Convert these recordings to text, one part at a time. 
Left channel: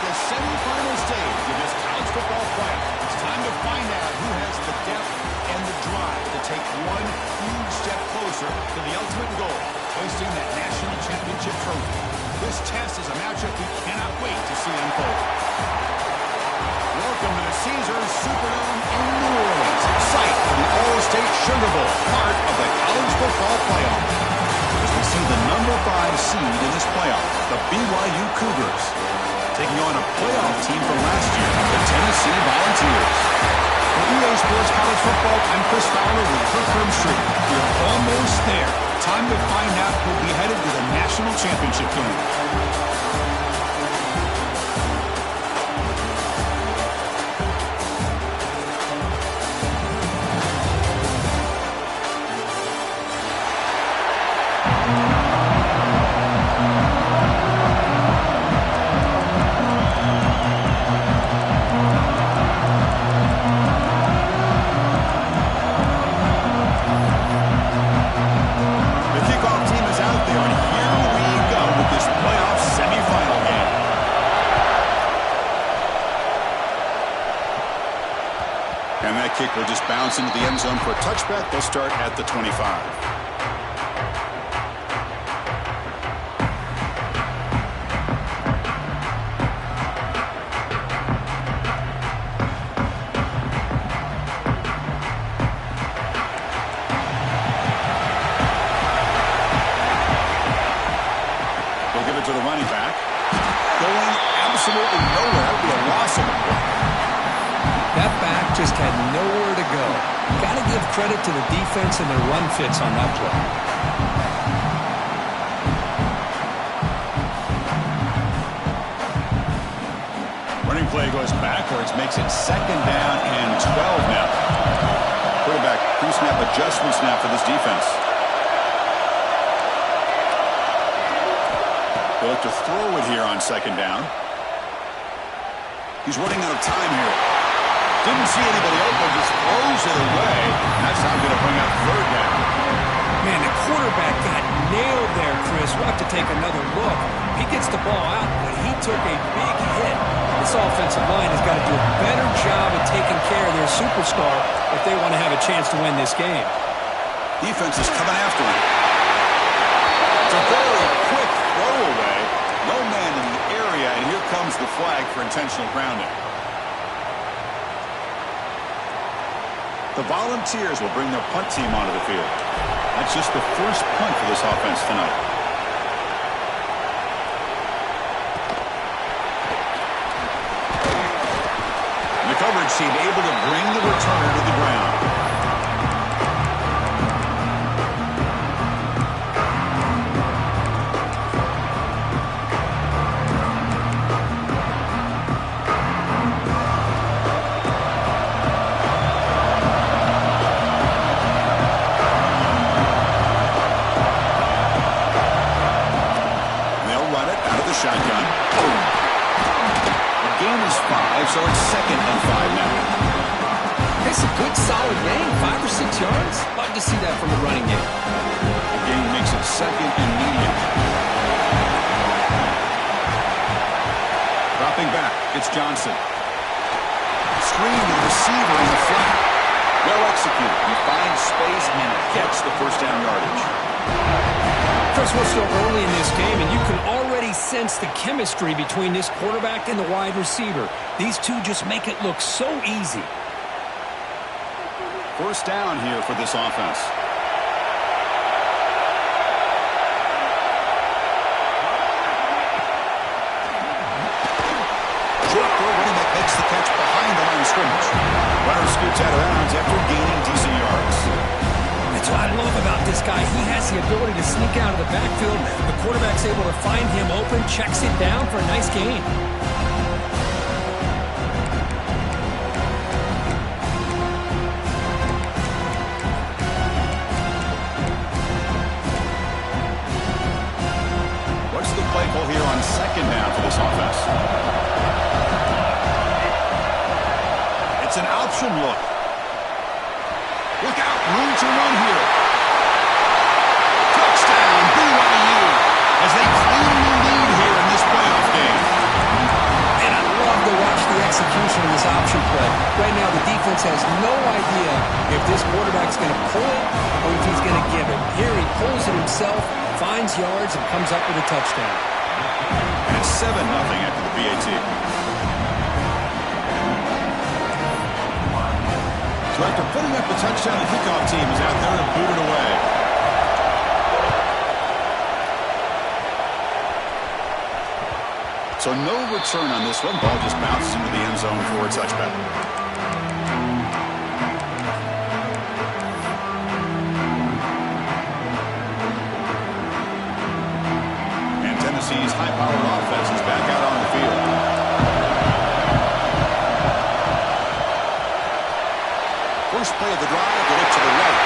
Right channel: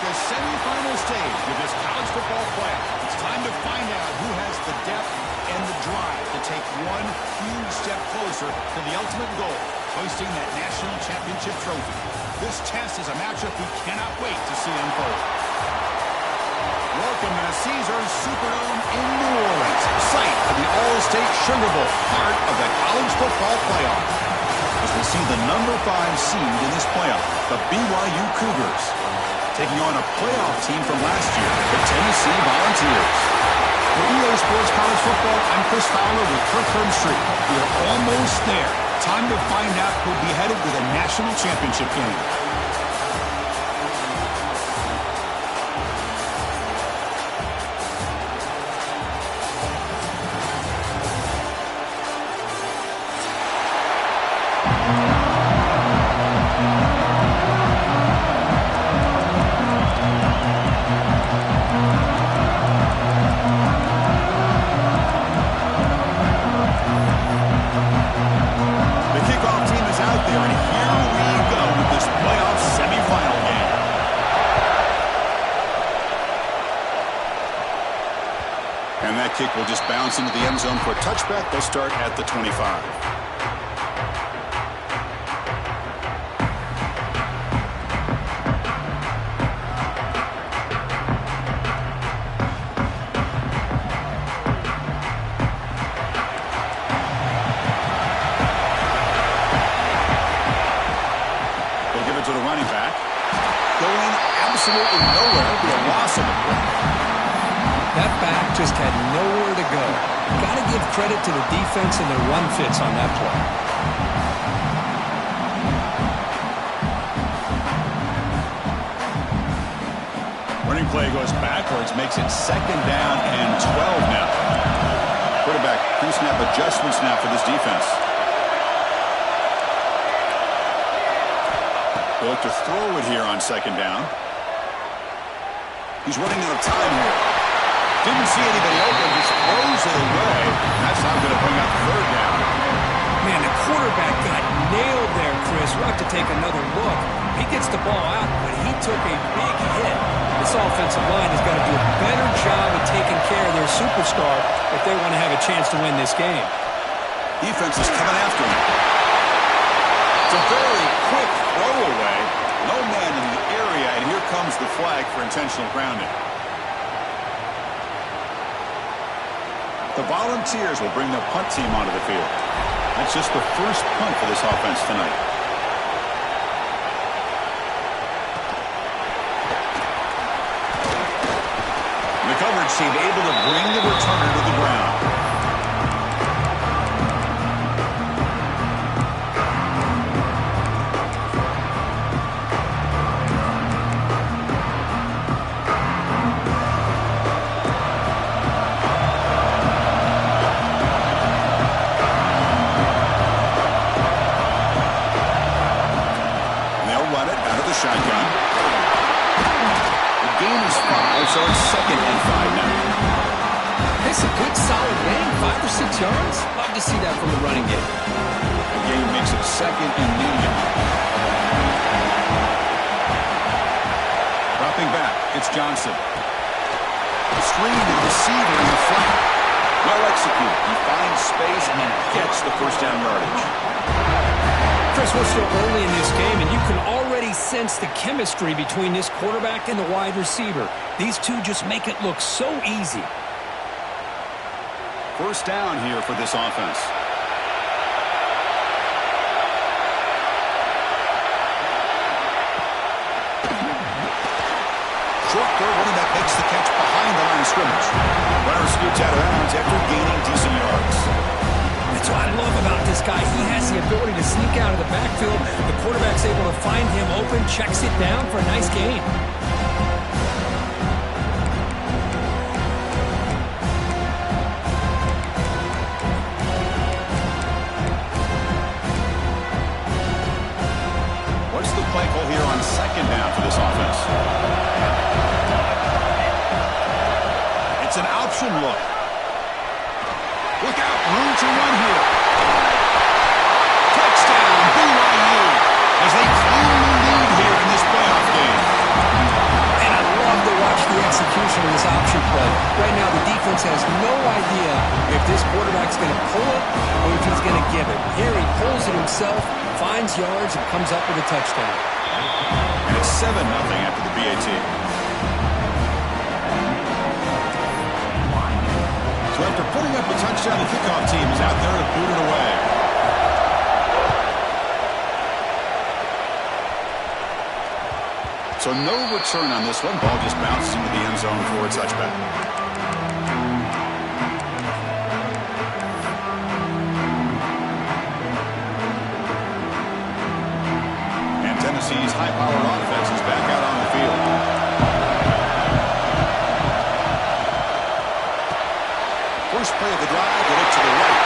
the semifinal stage of this college football playoff. It's time to find out who has the depth and the drive to take one huge step closer to the ultimate goal, hoisting that national championship trophy. This test is a matchup we cannot wait to see unfold. Welcome to the Caesars Superdome in New Orleans, site of the All-State Sugar Bowl, part of the college football playoff. As we see the number 5 seed in this playoff, the BYU Cougars, taking on a playoff team from last year, the Tennessee Volunteers. For EA Sports College Football, I'm Chris Fowler with Kirk Herbstreit. We are almost there. Time to find out who'll be headed to the national championship game. And that kick will just bounce into the end zone for a touchback. They'll start at the 25. They'll give it to the running back. Going absolutely nowhere. It'll be a loss of a play. That back just had nowhere to go. Got to give credit to the defense and their run fits on that play. Running play goes backwards, makes it 2nd down and 12 now. Quarterback pre-snap adjustments now for this defense. They'll look to throw it here on 2nd down. He's running out of time here. Didn't see anybody open, just throws it away. That's how going to bring up 3rd down. Man, the quarterback got nailed there, Chris. We'll have to take another look. He gets the ball out, but he took a big hit. This offensive line has got to do a better job of taking care of their superstar if they want to have a chance to win this game. Defense is coming after him. It's a very quick throwaway. No man in the area, and here comes the flag for intentional grounding. The Volunteers will bring their punt team onto the field. That's just the first punt for this offense tonight. The coverage team able to bring the returner to the ground. Shotgun. The game is 5, so it's 2nd and 5 now. It's a good, solid game. 5 or 6 yards. Love to see that from the running game. The game makes it 2nd and medium. Dropping back, it's Johnson. Screen to the receiver in the flat. Well executed. He finds space and gets the 1st down yardage. Chris, we're still early in this game, and you can already sense the chemistry between this quarterback and the wide receiver. These two just make it look so easy. 1st down here for this offense. Short throw, running back makes the catch behind the line of scrimmage. Runner scoots out of bounds after gaining decent yards. That's what I love about this guy. He has the ability to sneak out of the backfield. The quarterback's able to find him open, checks it down for a nice gain. What's the play call here on 2nd down for this offense? It's an option look. Look out, room to run here. Touchdown, BYU, as they claim the lead here in this playoff game. And defense has no idea if this quarterback's going to pull it or if he's going to give it. Here he pulls it himself, finds yards, and comes up with a touchdown. And it's 7-0 after the BAT. So after putting up a touchdown, the kickoff team is out there to boot it away. So no return on this one. Ball just bounces into the end zone for a touchback. And Tennessee's high-powered offense is back out on the field. First play of the drive, they look to the right.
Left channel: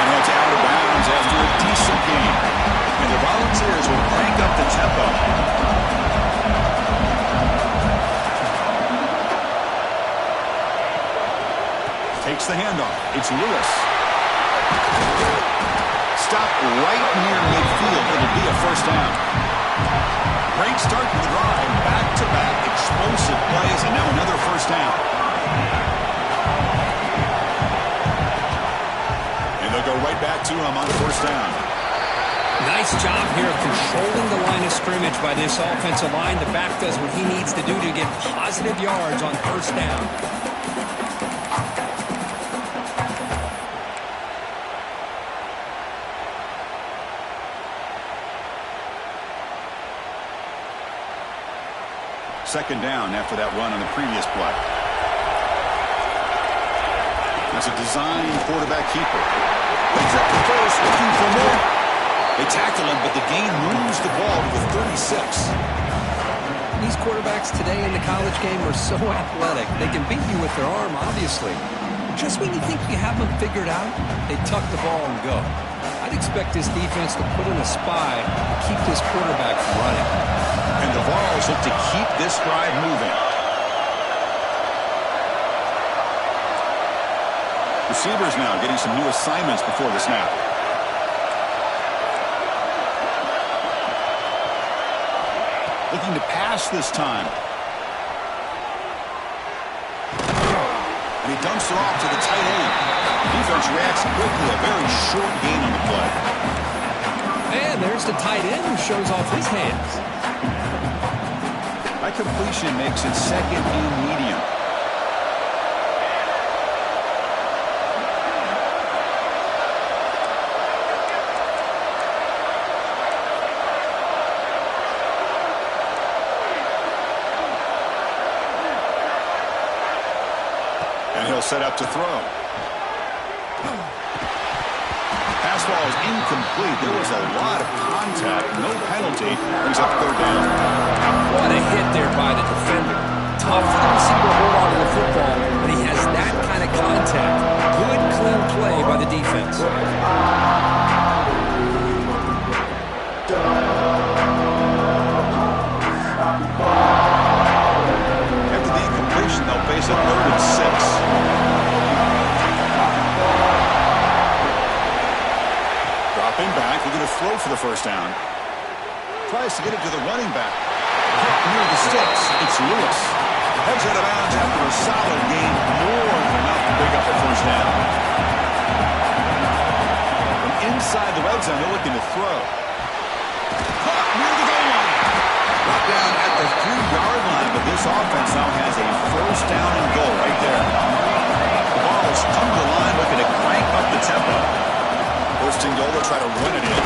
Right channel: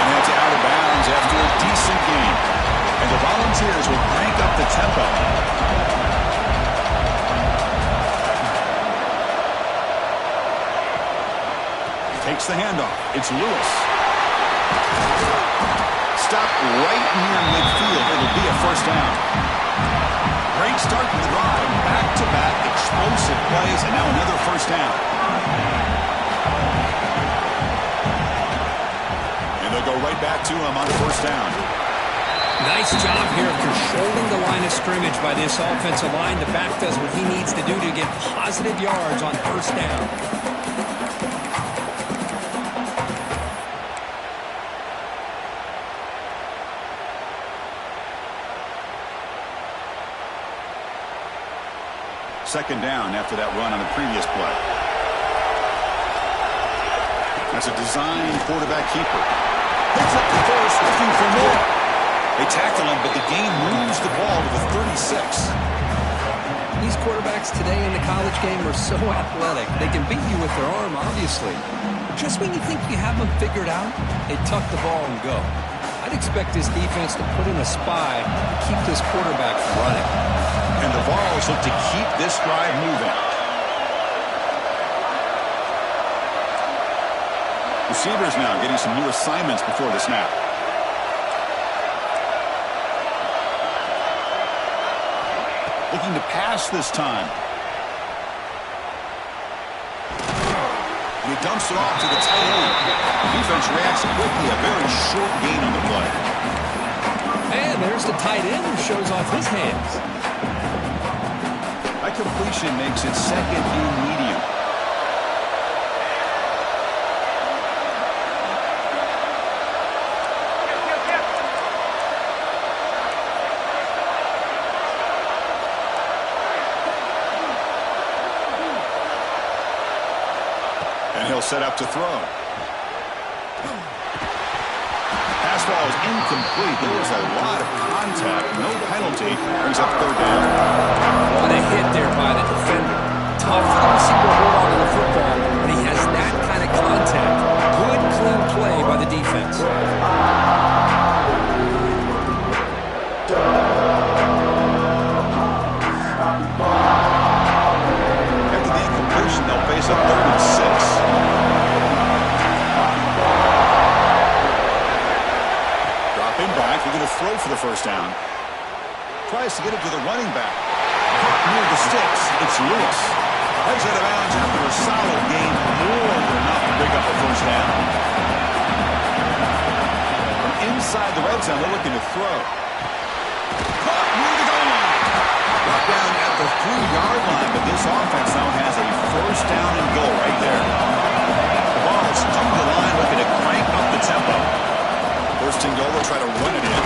And heads out of bounds after a decent gain. And the Volunteers will crank up the tempo. Takes the handoff. It's Lewis. Stopped right near midfield. It'll be a first down. Great start to the drive. Back-to-back explosive plays, and now another first down. And they'll go right back to him on first down. Nice job here of controlling the line of scrimmage by this offensive line. The back does what he needs to do to get positive yards on first down. Second down after that run on the previous play. That's a designed quarterback keeper. Picks up the first, looking for more. They tackle him, but the gain moves the ball to the 36. These quarterbacks today in the college game are so athletic. They can beat you with their arm, obviously. But just when you think you have them figured out, they tuck the ball and go. I'd expect this defense to put in a spy to keep this quarterback from running. And the Vols look to keep this drive moving. Receivers now getting some new assignments before the snap. Looking to pass this time. And he dumps it off to the tight end. The defense reacts quickly. A very short gain on the play. And there's the tight end who shows off his hands. That completion makes it second and medium. And he'll set up to throw. Pass ball is incomplete. There was a lot of contact. No penalty. Brings up third down. What a hit there by the defender. Tough for the receiver to hold on to the football, but he has that kind of contact. Good, clean play by the defense. After the incompletion, they'll face a 3rd and 6. Dropping back, looking to throw for the first down. Tries to get it to the running back. Caught near the sticks. It's Lewis. Heads out of bounds after a solid gain. More than enough to pick up a first down. From inside the red zone, they're looking to throw. Caught near the goal line. Brought down at the 3-yard line, but this offense now has a first down and goal right there. The Vols come to the line looking to crank up the tempo. First and goal, they'll try to run it in.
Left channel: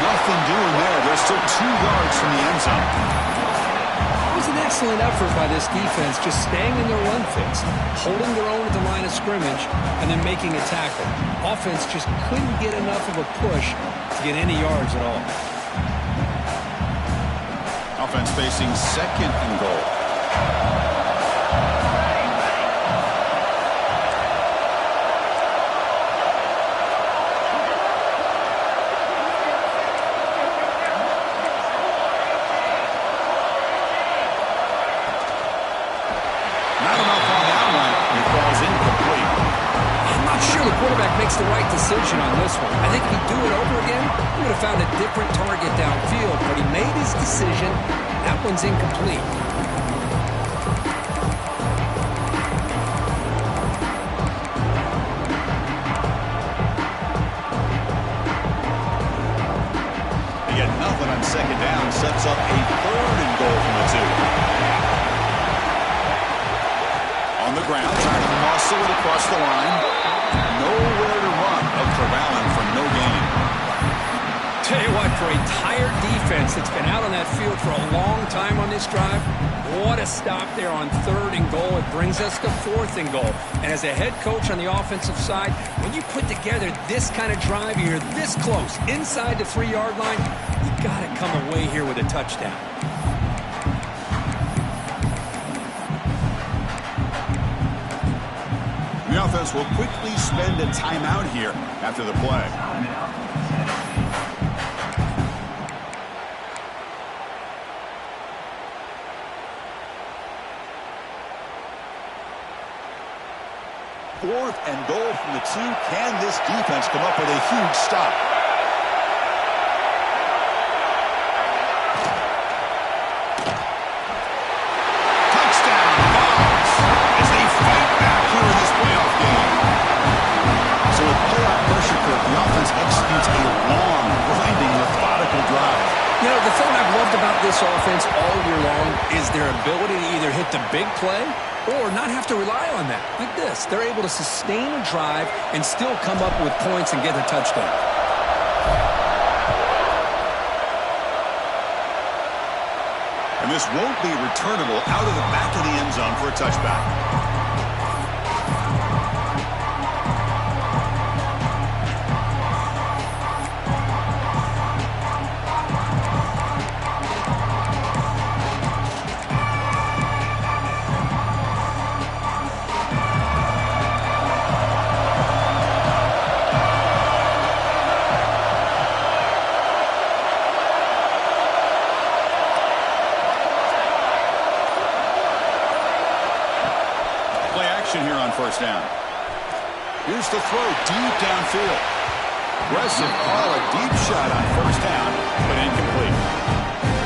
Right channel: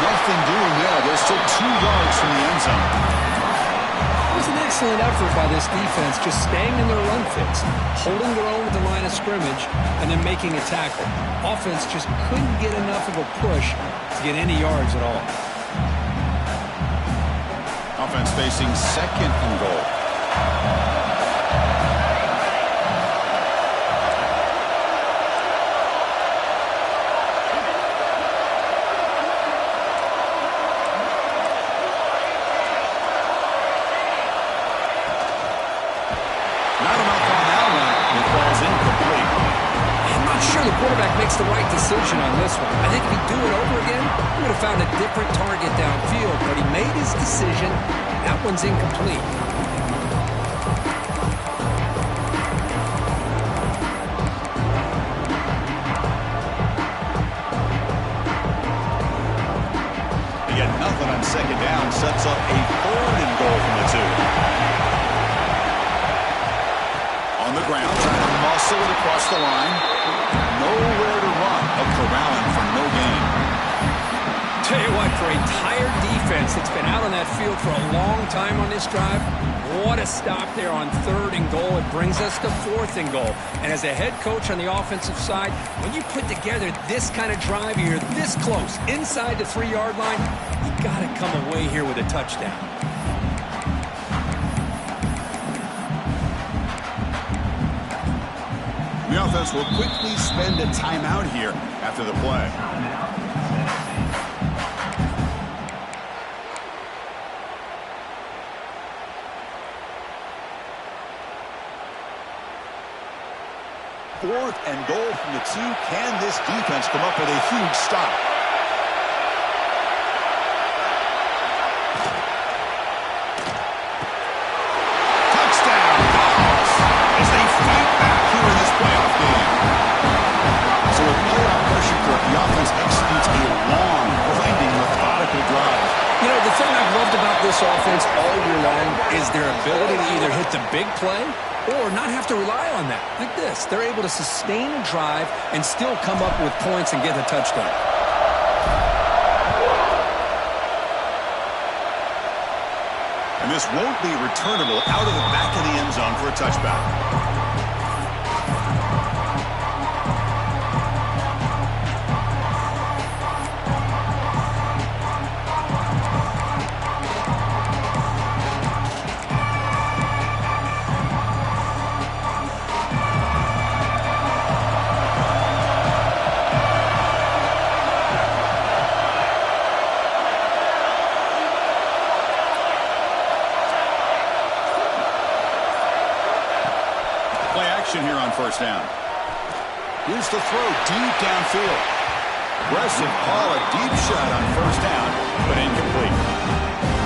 Nothing doing there. They're still 2 yards from the end zone. It was an excellent effort by this defense, just staying in their run fits, holding their own at the line of scrimmage, and then making a tackle. Offense just couldn't get enough of a push to get any yards at all. Offense facing second and goal. Not enough on that one. It falls incomplete. I'm not sure the quarterback makes the right decision on this one. I think if he'd do it over again, he would have found a different target downfield, but he made his decision. That one's incomplete. second down sets up a 3rd and goal from the 2. On the ground, trying to muscle it across the line. Nowhere to run. They'll corral him for no gain. Tell you what, for a tired defense that's been out on that field for a long time on this drive, what a stop there on 3rd and goal. It brings us to 4th and goal. And as a head coach on the offensive side, when you put together this kind of drive, you're this close, inside the 3-yard line, you got to come away here with a touchdown. The offense will quickly spend a timeout here after the play. Fourth and goal from the 2. Can this defense come up with a huge stop? Touchdown, Vols, as they fight back here in this playoff game. So with playoff pressure grip, the offense executes a long, grinding, methodical drive. You know, the thing I've loved about this offense all year long is their ability to either hit the big play or not have to rely on that. Like this. They're able to sustain a drive and still come up with points and get a touchdown. And this won't be returnable out of the back of the end zone for a touchback. Here on 1st down. Here's the throw deep downfield. Aggressive call, a deep shot on 1st down, but incomplete.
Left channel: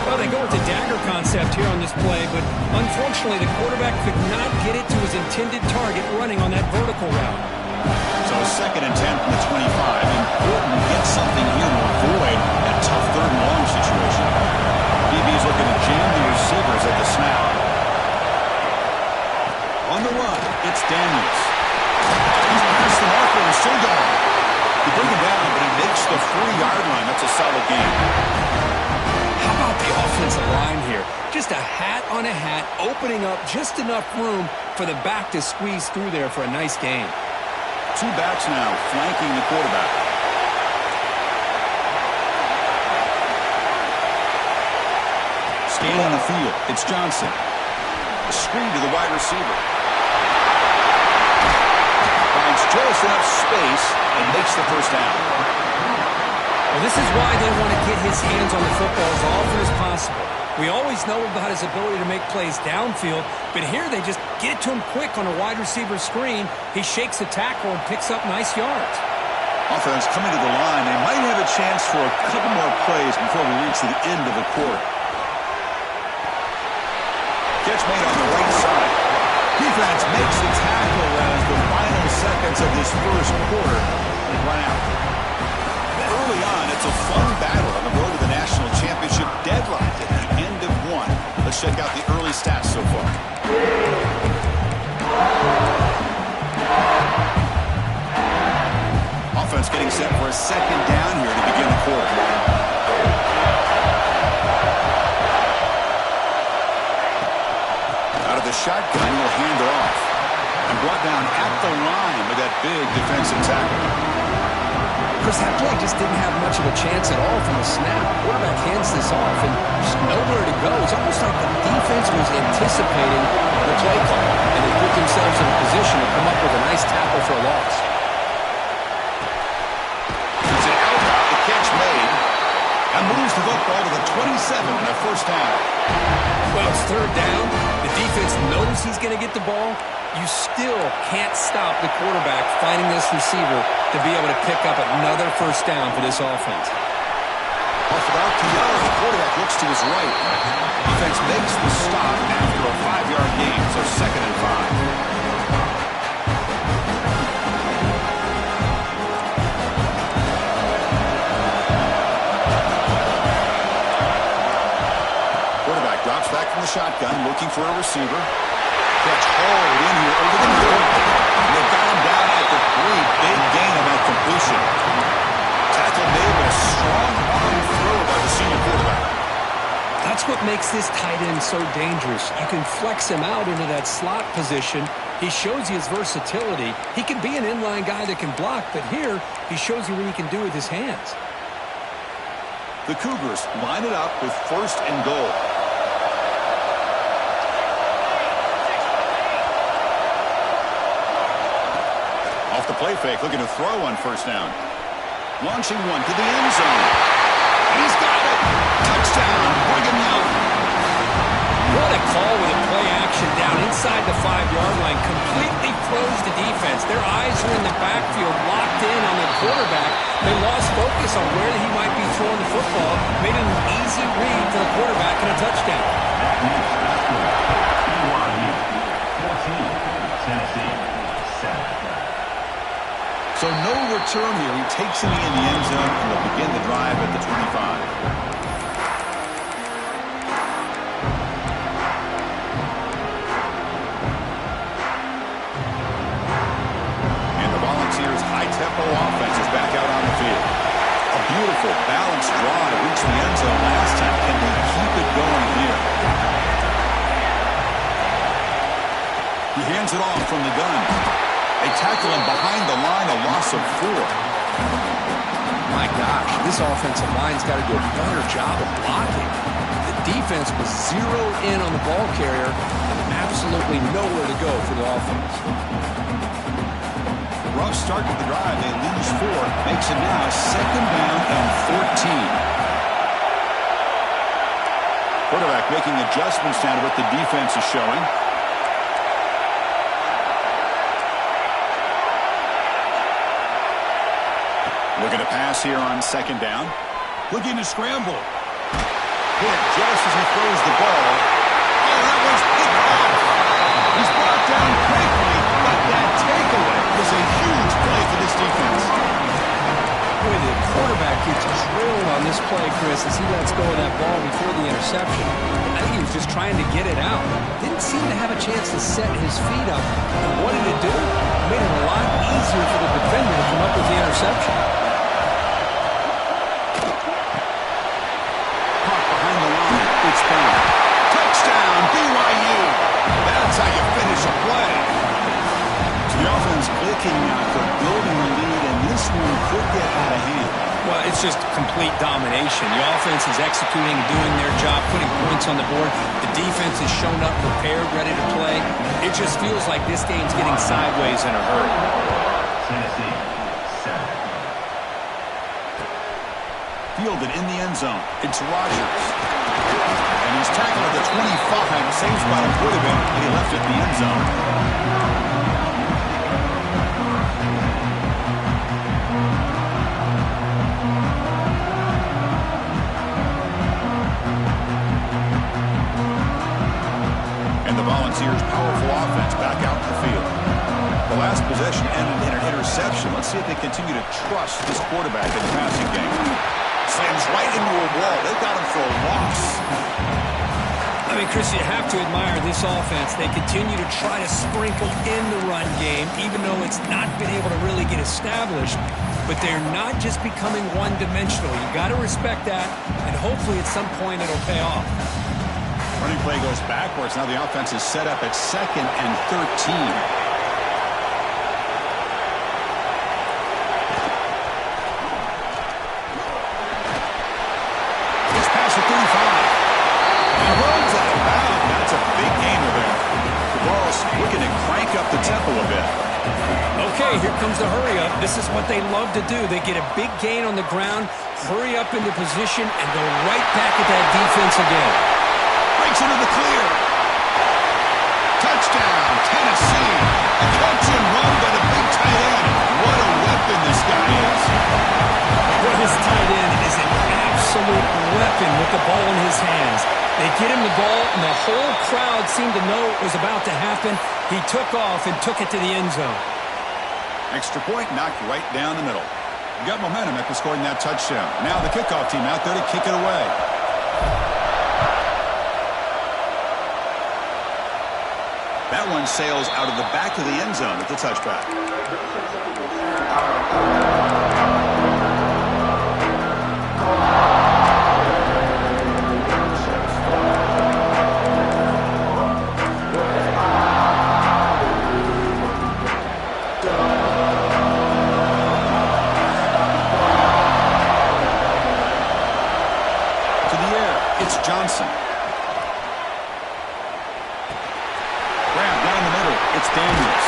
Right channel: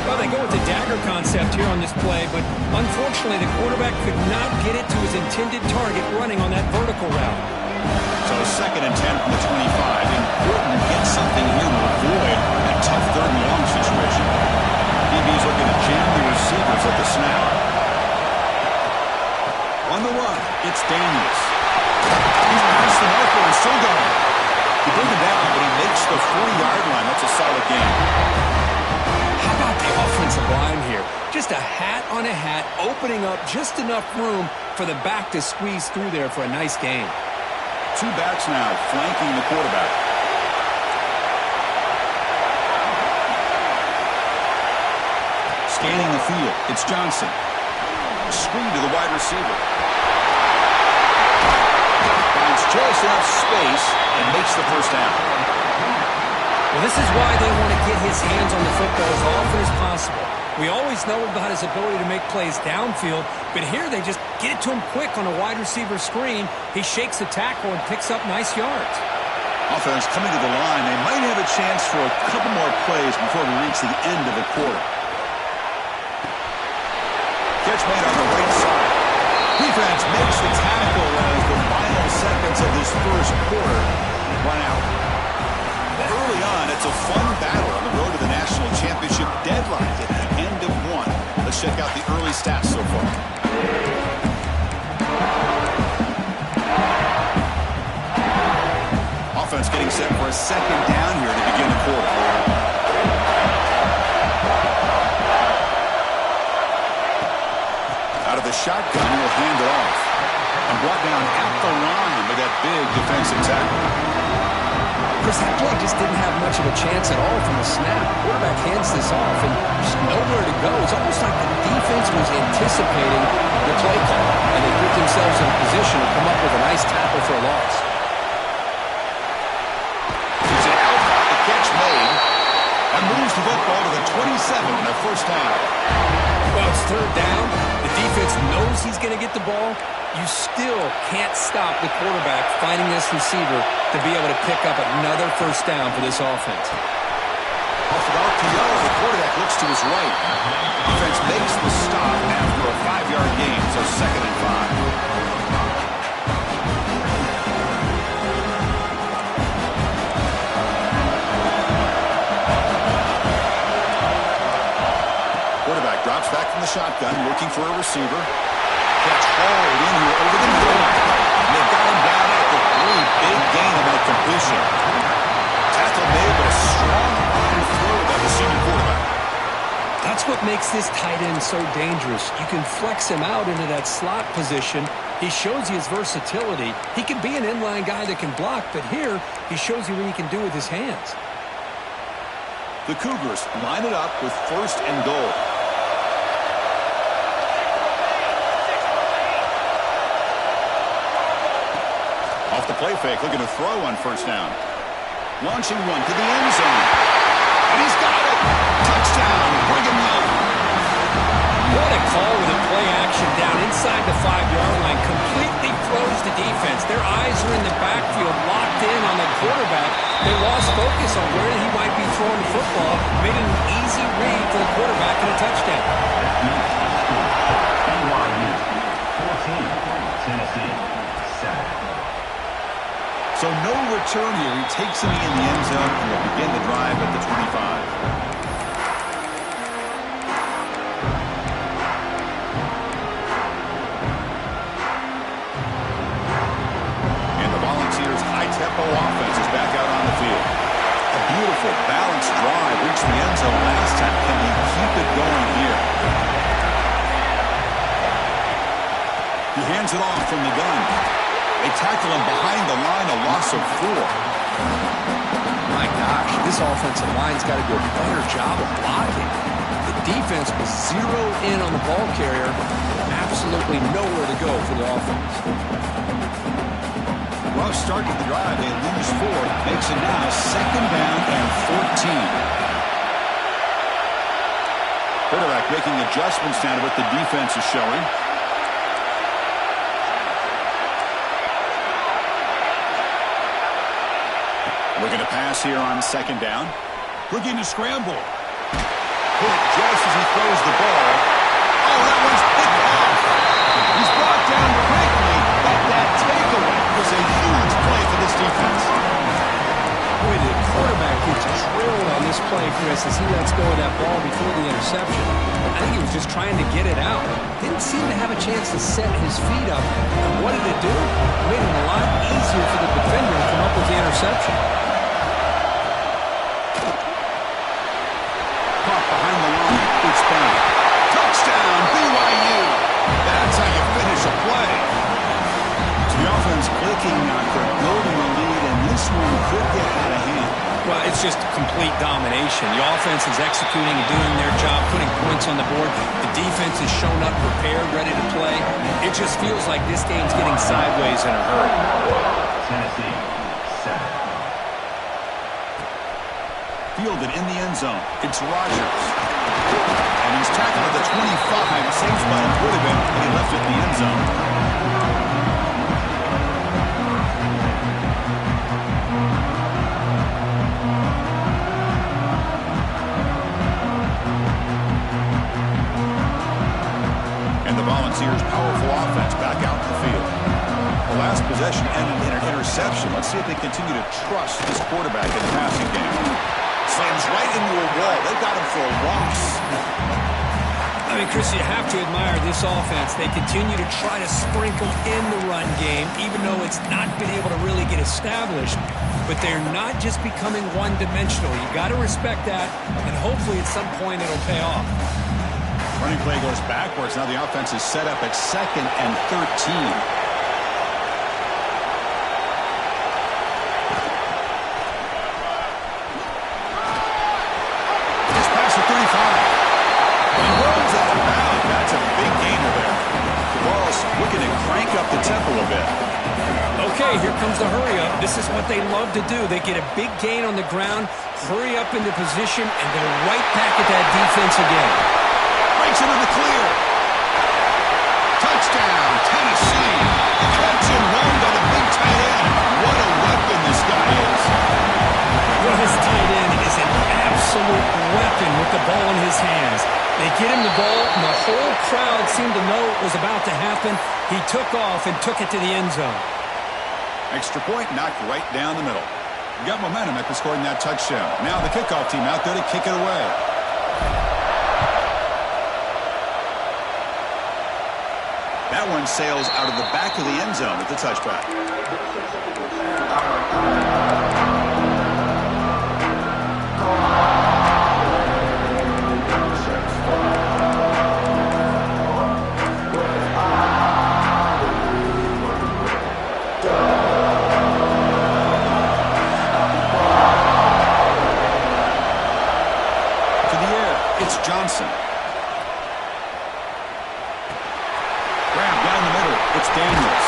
Well, they go with the dagger concept here on this play, but unfortunately the quarterback could not get it to his intended target running on that vertical route. So 2nd and 10 from the 25. Important to get something here to avoid that tough 3rd and long situation. DB's looking to jam the receivers at the snap. On the run, it's Daniels. He's past the marker and still going. He bring him down, but he makes the 40-yard line. That's a solid gain. How about the offensive line here? Just a hat on a hat, opening up just enough room for the back to squeeze through there for a nice gain. 2 backs now flanking the quarterback. Scanning the field, it's Johnson. A screen to the wide receiver. Finds just enough space and makes the 1st down. Well, this is why they want to get his hands on the football as often as possible. We always know about his ability to make plays downfield, but here they just get it to him quick on a wide receiver screen. He shakes the tackle and picks up nice yards. Offense coming to the line. They might have a chance for a couple more plays before we reach the end of the quarter. Catch made on the right side. Defense makes the tackle as the final seconds of this 1st quarter run out. Early on, it's a fun battle on the road to the national championship deadline at the end of 1. Let's check out the early stats so far. Offense getting set for a 2nd down here to begin the quarter. Out of the shotgun, will hand it off. And brought down at the line with that big defensive tackle. Chris, that play just didn't have much of a chance at all from the snap. Quarterback hands this off and just nowhere to go. It's almost like the defense was anticipating the play call, and they put themselves in a position to come up with a nice tackle for a loss. It's an out route, the catch made, and moves the football to the 27 and a 1st down. Well, it's 3rd down. The defense knows he's going to get the ball. You still can't stop the quarterback finding this receiver to be able to pick up another 1st down for this offense. Off of RPO, the quarterback looks to his right. Defense makes the stop after a 5-yard gain, so 2nd and 5. Quarterback drops back from the shotgun, looking for a receiver. Catch hauled in here over the middle. And they've got him down at the 3. Big gain on that completion. Tackle made, but a strong arm throw by the senior quarterback. That's what makes this tight end so dangerous. You can flex him out into that slot position. He shows you his versatility. He can be an inline guy that can block, but here he shows you what he can do with his hands. The Cougars line it up with 1st and goal. Off the play fake, looking to throw on 1st down. Launching one to the end zone. And he's got it! Touchdown, Brigham Young. What a call with a play action down inside the 5-yard line. Completely froze the defense. Their eyes were in the backfield, locked in on the quarterback. They lost focus on where he might be throwing the football. Made it an easy read for the quarterback and a touchdown. That makes the score. BYU 14, Tennessee 7. So no return here. He takes it in the end zone, and they'll begin the drive at the 25. High-tempo offense is back out on the field. A beautiful, balanced drive reached the end zone last time. Can they keep it going here? He hands it off from the gun. They tackle him behind the line, a loss of 4. My gosh, this offensive line's got to do a better job of blocking. The defense was zeroed in on the ball carrier and absolutely nowhere to go for the offense. Rough start to the drive. They lose 4. Makes it now 2nd down and 14. Quarterback making adjustments now to what the defense is showing. Looking to pass here on 2nd down. Looking to scramble. Hit just as he throws the ball. Oh, that one's picked off. He's brought down quickly, but that takeaway was a huge play for this defense. Boy, the quarterback gets drilled on this play, Chris, as he lets go of that ball before the interception. I think he was just trying to get it out. Didn't seem to have a chance to set his feet up. And what did it do? It made it a lot easier for the defender to come up with the interception. Caught behind the line. It's down. Touchdown, BYU. That's how you finish a play. So the offense clicking now for building a lead, and this one could get out of hand. Well, it's just complete domination. The offense is executing and doing their job, putting points on the board. The defense has shown up prepared, ready to play. It just feels like this game's getting sideways in a hurry. Tennessee 7. Fielded in the end zone. It's Rogers. And he's tackled at the 25. Same spot it would have been, and he left it in the end zone. And the Volunteers' powerful offense back out in the field. The last possession ended in an interception. Let's see if they continue to trust this quarterback in the passing game. Slams right into a wall. They've got him for a loss. I mean, Chris, you have to admire this offense. They continue to try to sprinkle in the run game, even though it's not been able to really get established. But they're not just becoming one-dimensional. You got to respect that, and hopefully at some point it'll pay off. Running play goes backwards. Now the offense is set up at 2nd and 13. At 35. He rolls out of bounds. That's a big gainer there. The ball's looking to crank up the tempo a bit. Okay, here comes the hurry up. This is what they love to do. They get a big gain on the ground, hurry up into position, and go right back at that defense again. Breaks into the clear. Touchdown, Tennessee. A catch and run by the big tight end. What a weapon this guy is. Well, his tight end is an absolute weapon with the ball in his hands. They get him the ball, and the whole crowd seemed to know it was about to happen. He took off and took it to the end zone. Extra point knocked right down the middle. You got momentum after scoring that touchdown. Now the kickoff team out there to kick it away. That one sails out of the back of the end zone at the touchback. To the air, it's Johnson. Grab down the middle. It's Daniels.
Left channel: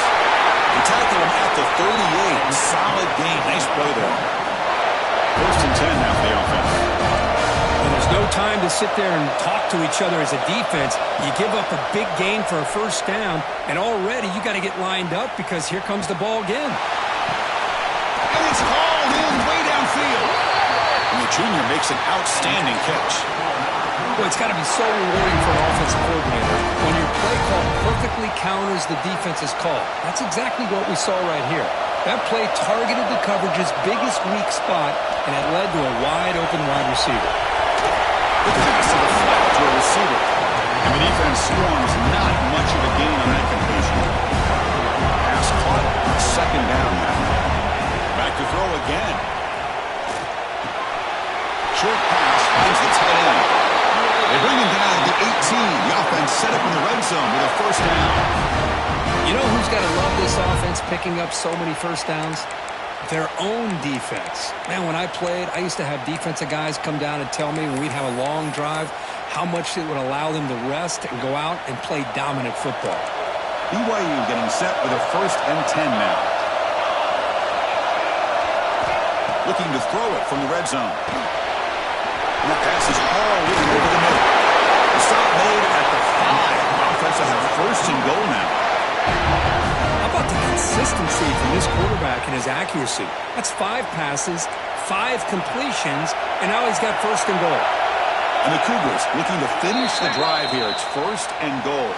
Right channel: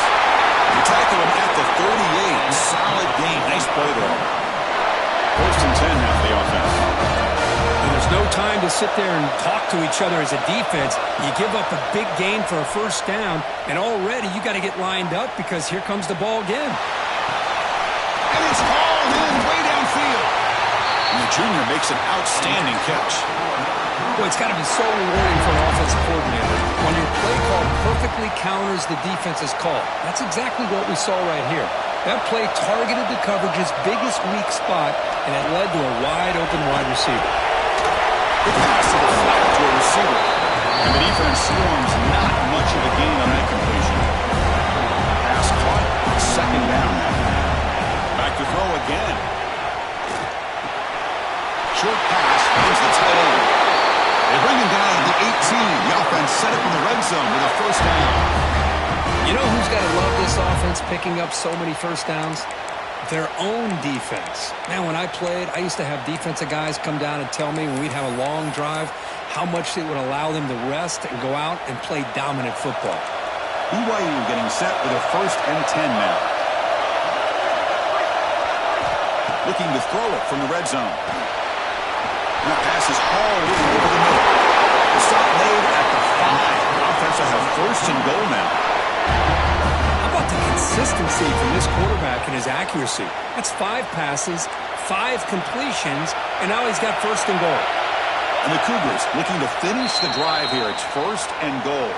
They tackle him at the 38. Solid gain. Nice play there. 1st and 10 now for the offense. And there's no time to sit there and talk to each other as a defense. You give up a big gain for a 1st down, and already you got to get lined up because here comes the ball again. And it's hauled in way downfield. And the junior makes an outstanding catch. Boy, it's got to be so rewarding for an offensive coordinator when your play call perfectly counters the defense's call. That's exactly what we saw right here. That play targeted the coverage's biggest weak spot, and it led to a wide-open wide receiver. The pass to the flat to a receiver. And the defense swarms not much of a gain on that completion. Pass caught, 2nd down now. Back to throw again. Short pass finds the tight end. They bring him down at the 18. The offense set up in the red zone with a 1st down. You know who's got to love this offense picking up so many 1st downs? Their own defense. Man, when I played, I used to have defensive guys come down and tell me when we'd have a long drive how much it would allow them to rest and go out and play dominant football. BYU getting set with a 1st and 10 now. Looking to throw it from the red zone. And that pass is hauled in over the middle. The stop made at the 5. The offense will have 1st and goal now. How about the consistency from this quarterback and his accuracy? That's 5 passes, 5 completions, and now he's got 1st and goal. And the Cougars looking to finish the drive here. It's 1st and goal.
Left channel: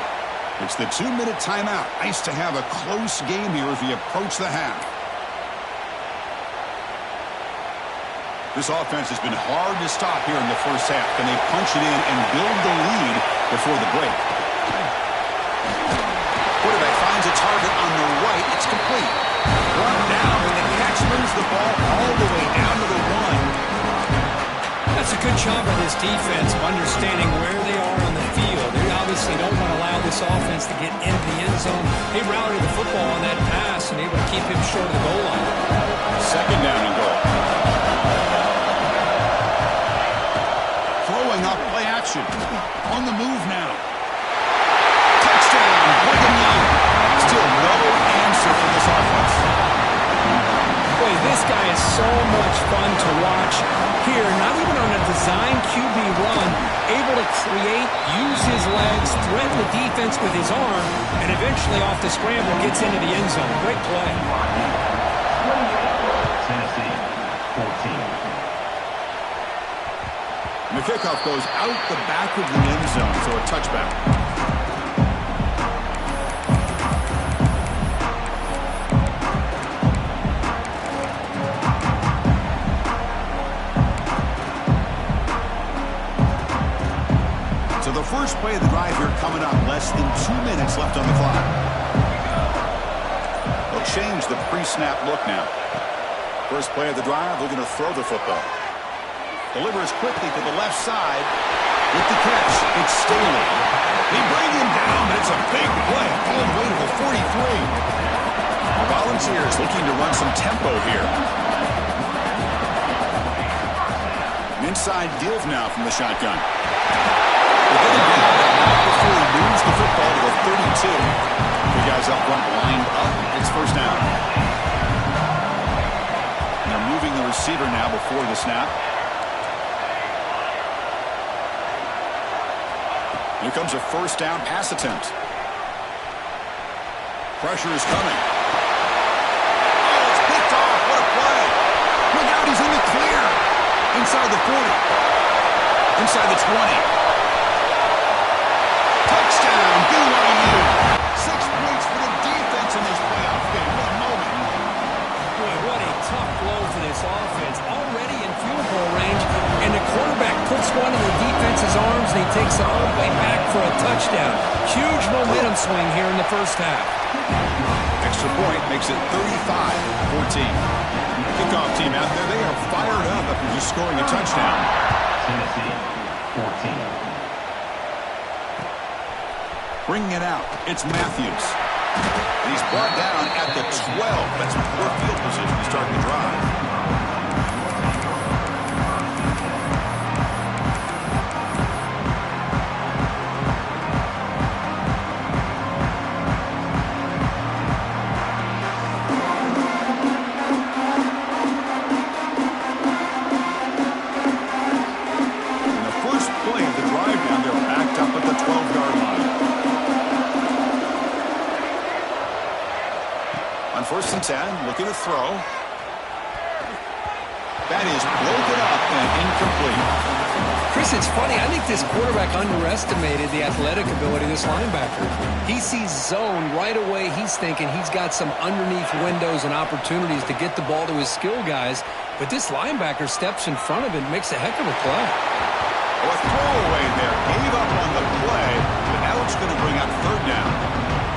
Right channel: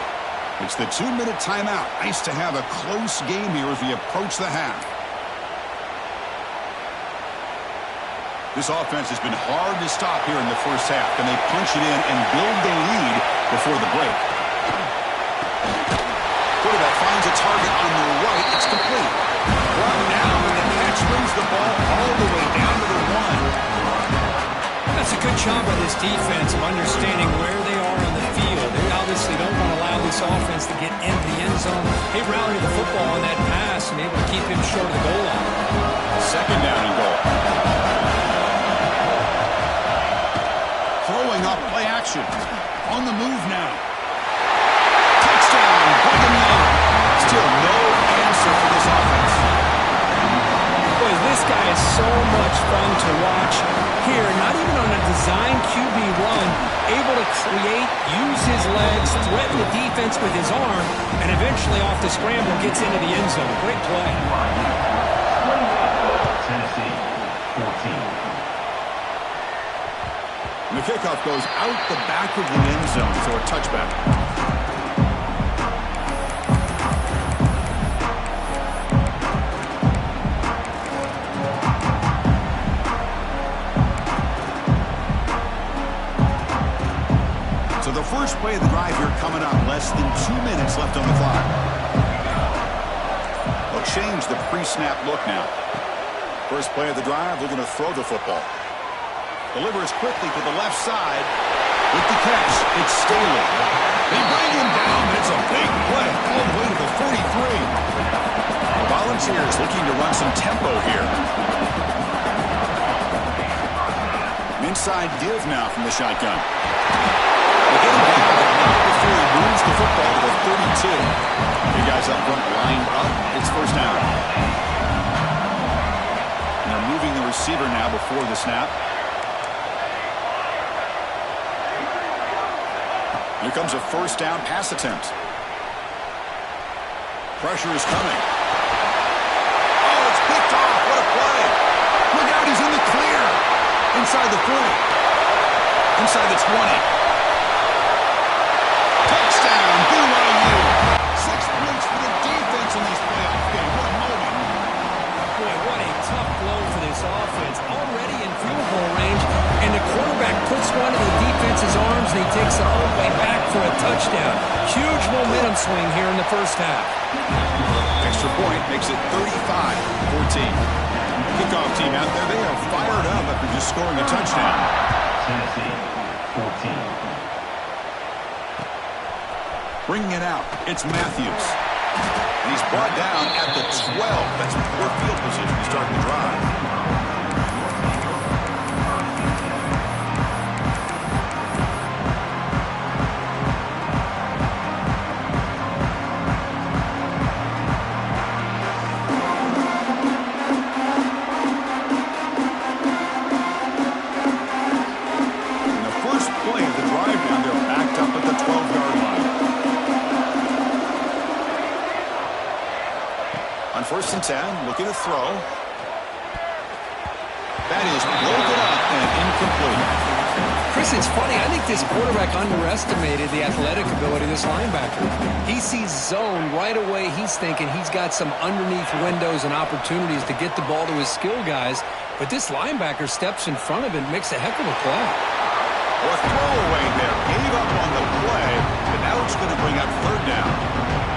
It's the 2-minute timeout. Nice to have a close game here as we approach the half. This offense has been hard to stop here in the 1st half. Can they punch it in and build the lead before the break? Quarterback finds a target on the right. It's complete. Brought down, but the catch moves the ball all the way down to the 1. That's a good job by this defense of understanding where they are on the field. They obviously don't want to allow this offense to get into the end zone. They routed the football on that pass and able to keep him short of the goal line. 2nd down and goal. Throwing up play action. On the move now. Touchdown, Brigham Young. Still no answer for this offense. Boy, this guy is so much fun to watch here. Not even on a design QB run, able to create, use his legs, threaten the defense with his arm, and eventually off the scramble gets into the end zone. Great play. Tennessee, 14. And the kickoff goes out the back of the end zone, so a touchback. So the first play of the drive here coming up. Less than 2 minutes left on the clock. They'll change the pre-snap look now. First play of the drive, looking to throw the football. Delivers quickly to the left side. With the catch, it's Staley. They bring him down, but it's a big play all the way to the 43. The Volunteers looking to run some tempo here. An inside give now from the shotgun. They get him down, but not before he moves the football to the 32. The guys up front lined up. It's 1st down. And they're moving the receiver now before the snap. Here comes a 1st down pass attempt. Pressure is coming. Oh, it's picked off. What a play. Look out, he's in the clear. Inside the 40. Inside the 20. Touchdown, BYU. 6 points for the defense in this playoff game. What a moment. Boy, what a tough blow for this offense. Already in field goal range, and And the quarterback puts one in the defense's arms, and he takes it all the way back for a touchdown. Huge momentum swing here in the first half. Extra point makes it 35-14. Kickoff team out there, they are fired up after just scoring a touchdown. Tennessee, 14. Bringing it out, it's Matthews. And he's brought down at the 12. That's poor field position to start the drive. First and 10, looking to throw. That is broken up and incomplete. Chris, it's funny. I think this quarterback underestimated the athletic ability of this linebacker. He sees zone right away. He's thinking he's got some underneath windows and opportunities to get the ball to his skill guys. But this linebacker steps in front of it and makes a heck of a play. Oh, a throwaway there. Gave up on the play, but now it's going to bring up third down.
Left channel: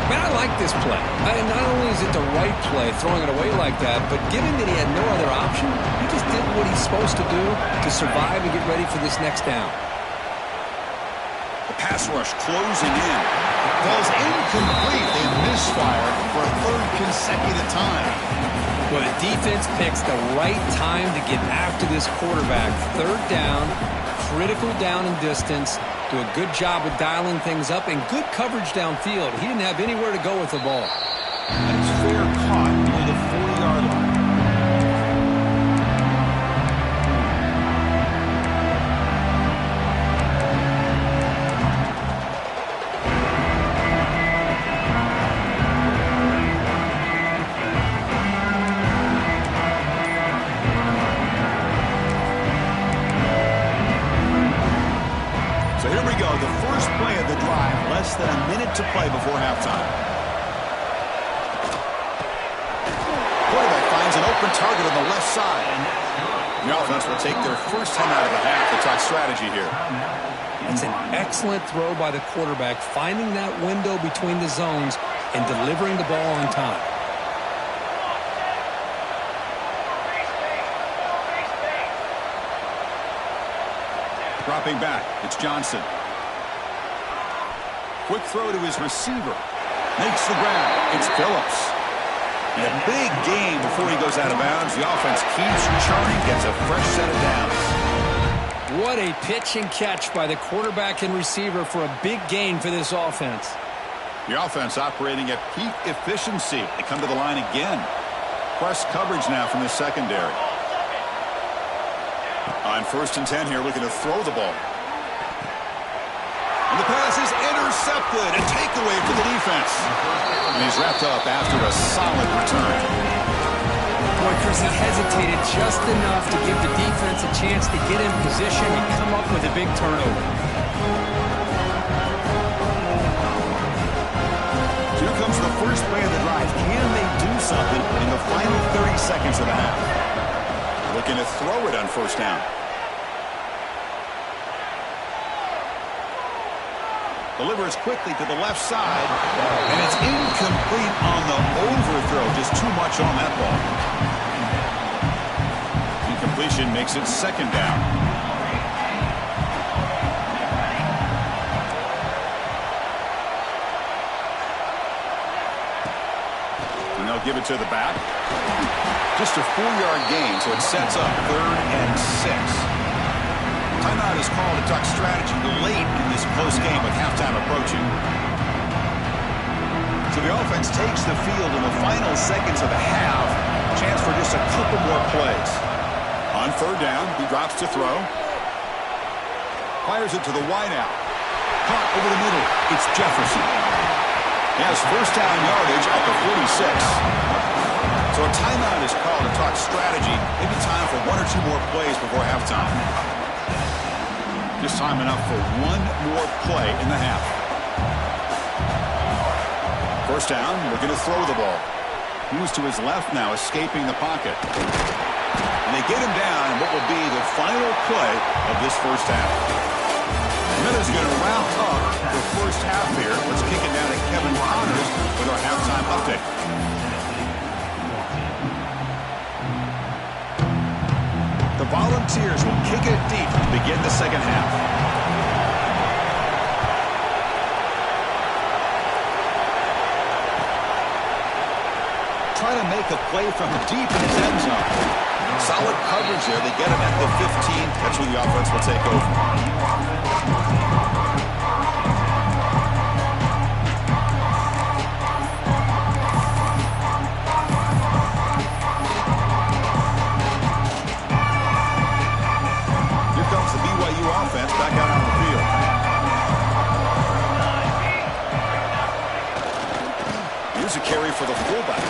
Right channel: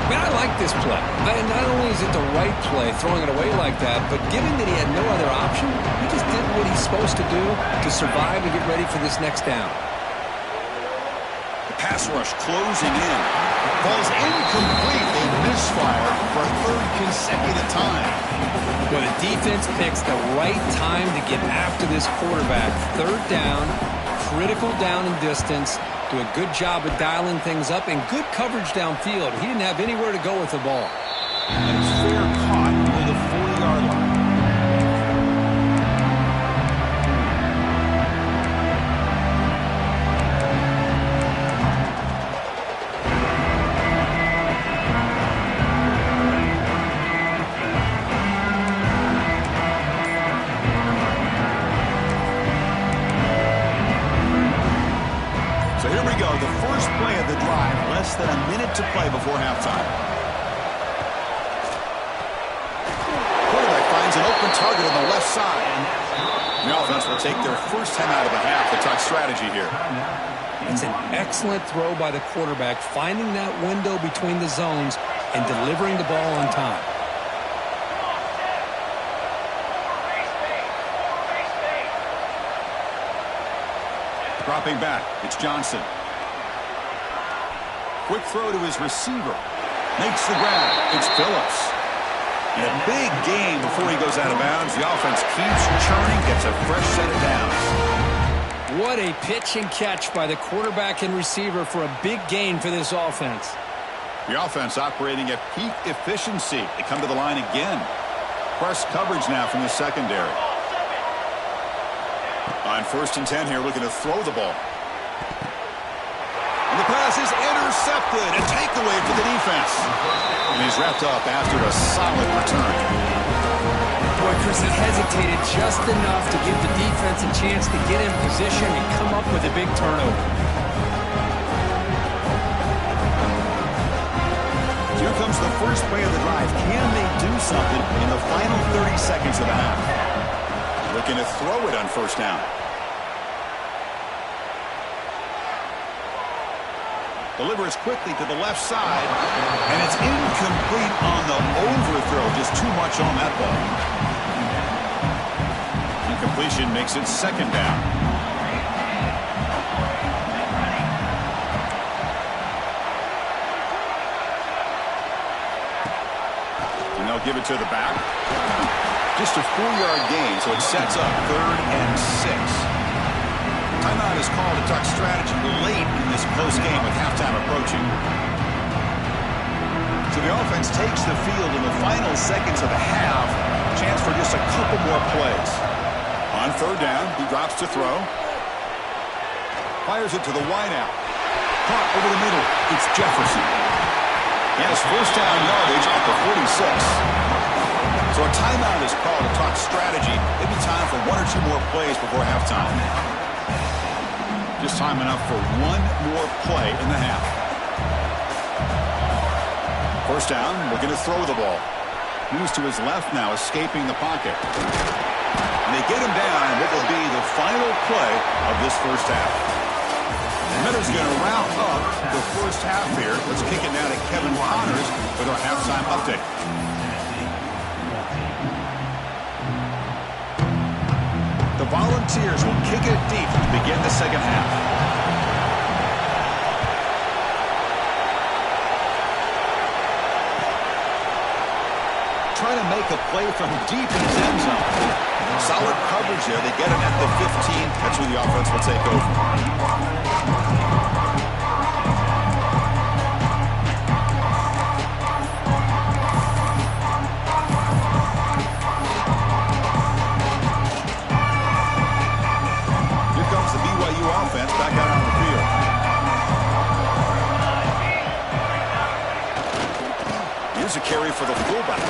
Man, I like this play. Not only is it the right play, throwing it away like that, but given that he had no other option, he just did what he's supposed to do to survive and get ready for this next down. The pass rush closing in. Falls incomplete. They misfire for a third consecutive time. Well, the defense picks the right time to get after this quarterback. Third down, critical down and distance. Do a good job of dialing things up and good coverage downfield. He didn't have anywhere to go with the ball. And it's fair caught near the 40-yard line. Less than a minute to play before halftime. Quarterback finds an open target on the left side. The offense will take their first 10 out of the half to talk strategy here. It's an excellent throw by the quarterback, finding that window between the zones and delivering the ball on time. Dropping back, it's Johnson. Quick throw to his receiver. Makes the grab. It's Phillips. And a big gain before he goes out of bounds. The offense keeps churning, gets a fresh set of downs. What a pitch and catch by the quarterback and receiver for a big gain for this offense. The offense operating at peak efficiency. They come to the line again. Press coverage now from the secondary. On first and 10 here, looking to throw the ball. And the pass is intercepted. A takeaway for the defense. And he's wrapped up after a solid return. Boy, Chris, he hesitated just enough to give the defense a chance to get in position and come up with a big turnover. So here comes the first play of the drive. Can they do something in the final 30 seconds of the half? Looking to throw it on first down. Delivers quickly to the left side, and it's incomplete on the overthrow. Just too much on that ball. Incompletion makes it second down. And they'll give it to the back. Just a 4-yard gain, so it sets up 3rd and 6. Timeout is called to talk strategy late in this close game with halftime approaching. So the offense takes the field in the final seconds of the half. Chance for just a couple more plays. On third down, he drops to throw. Fires it to the wideout. Caught over the middle. It's Jefferson. He has first down yardage at the 46. So a timeout is called to talk strategy. Maybe time for 1 or 2 more plays before halftime. Just time enough for 1 more play in the half. First down, looking to throw the ball. Moves to his left now, escaping the pocket. And they get him down in what will be the final play of this first half. Miller's going to wrap up the first half here. Let's kick it now to Kevin Connors with our halftime update. The Volunteers will kick it deep to begin the second half. Trying to make a play from deep in his end zone. Solid coverage there. They get him at the 15. That's where the offense will take over. Here comes the BYU offense back out on the field. Here's a carry for the fullback.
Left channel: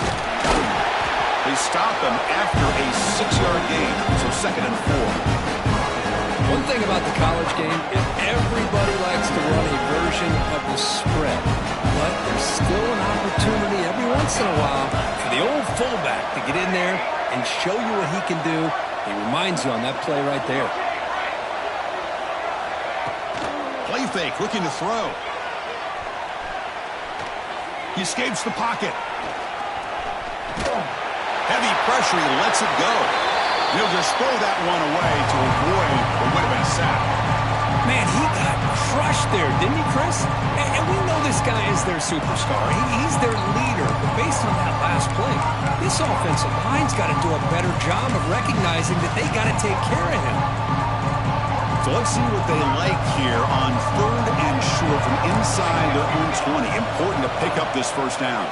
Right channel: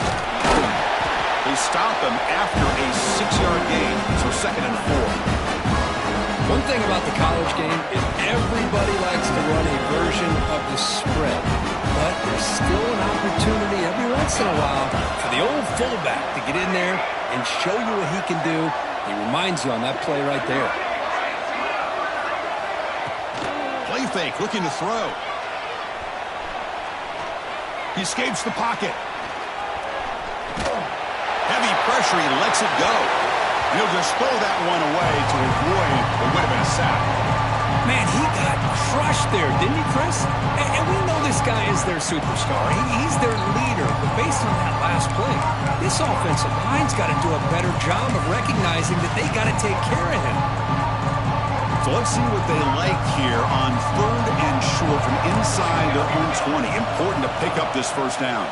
They stop him after a 6-yard gain, so 2nd and 4. One thing about the college game is everybody likes to run a version of the spread. But there's still an opportunity every once in a while for the old fullback to get in there and show you what he can do. He reminds you on that play right there. Play fake, looking to throw. He escapes the pocket. Heavy pressure, he lets it go. He'll just throw that one away to avoid what would have been a sack. Man, he got crushed there, didn't he, Chris? And we know this guy is their superstar. He's their leader. But based on that last play, this offensive line's got to do a better job of recognizing that they got to take care of him. So let's see what they like here on 3rd and short from inside their own 20. Important to pick up this first down.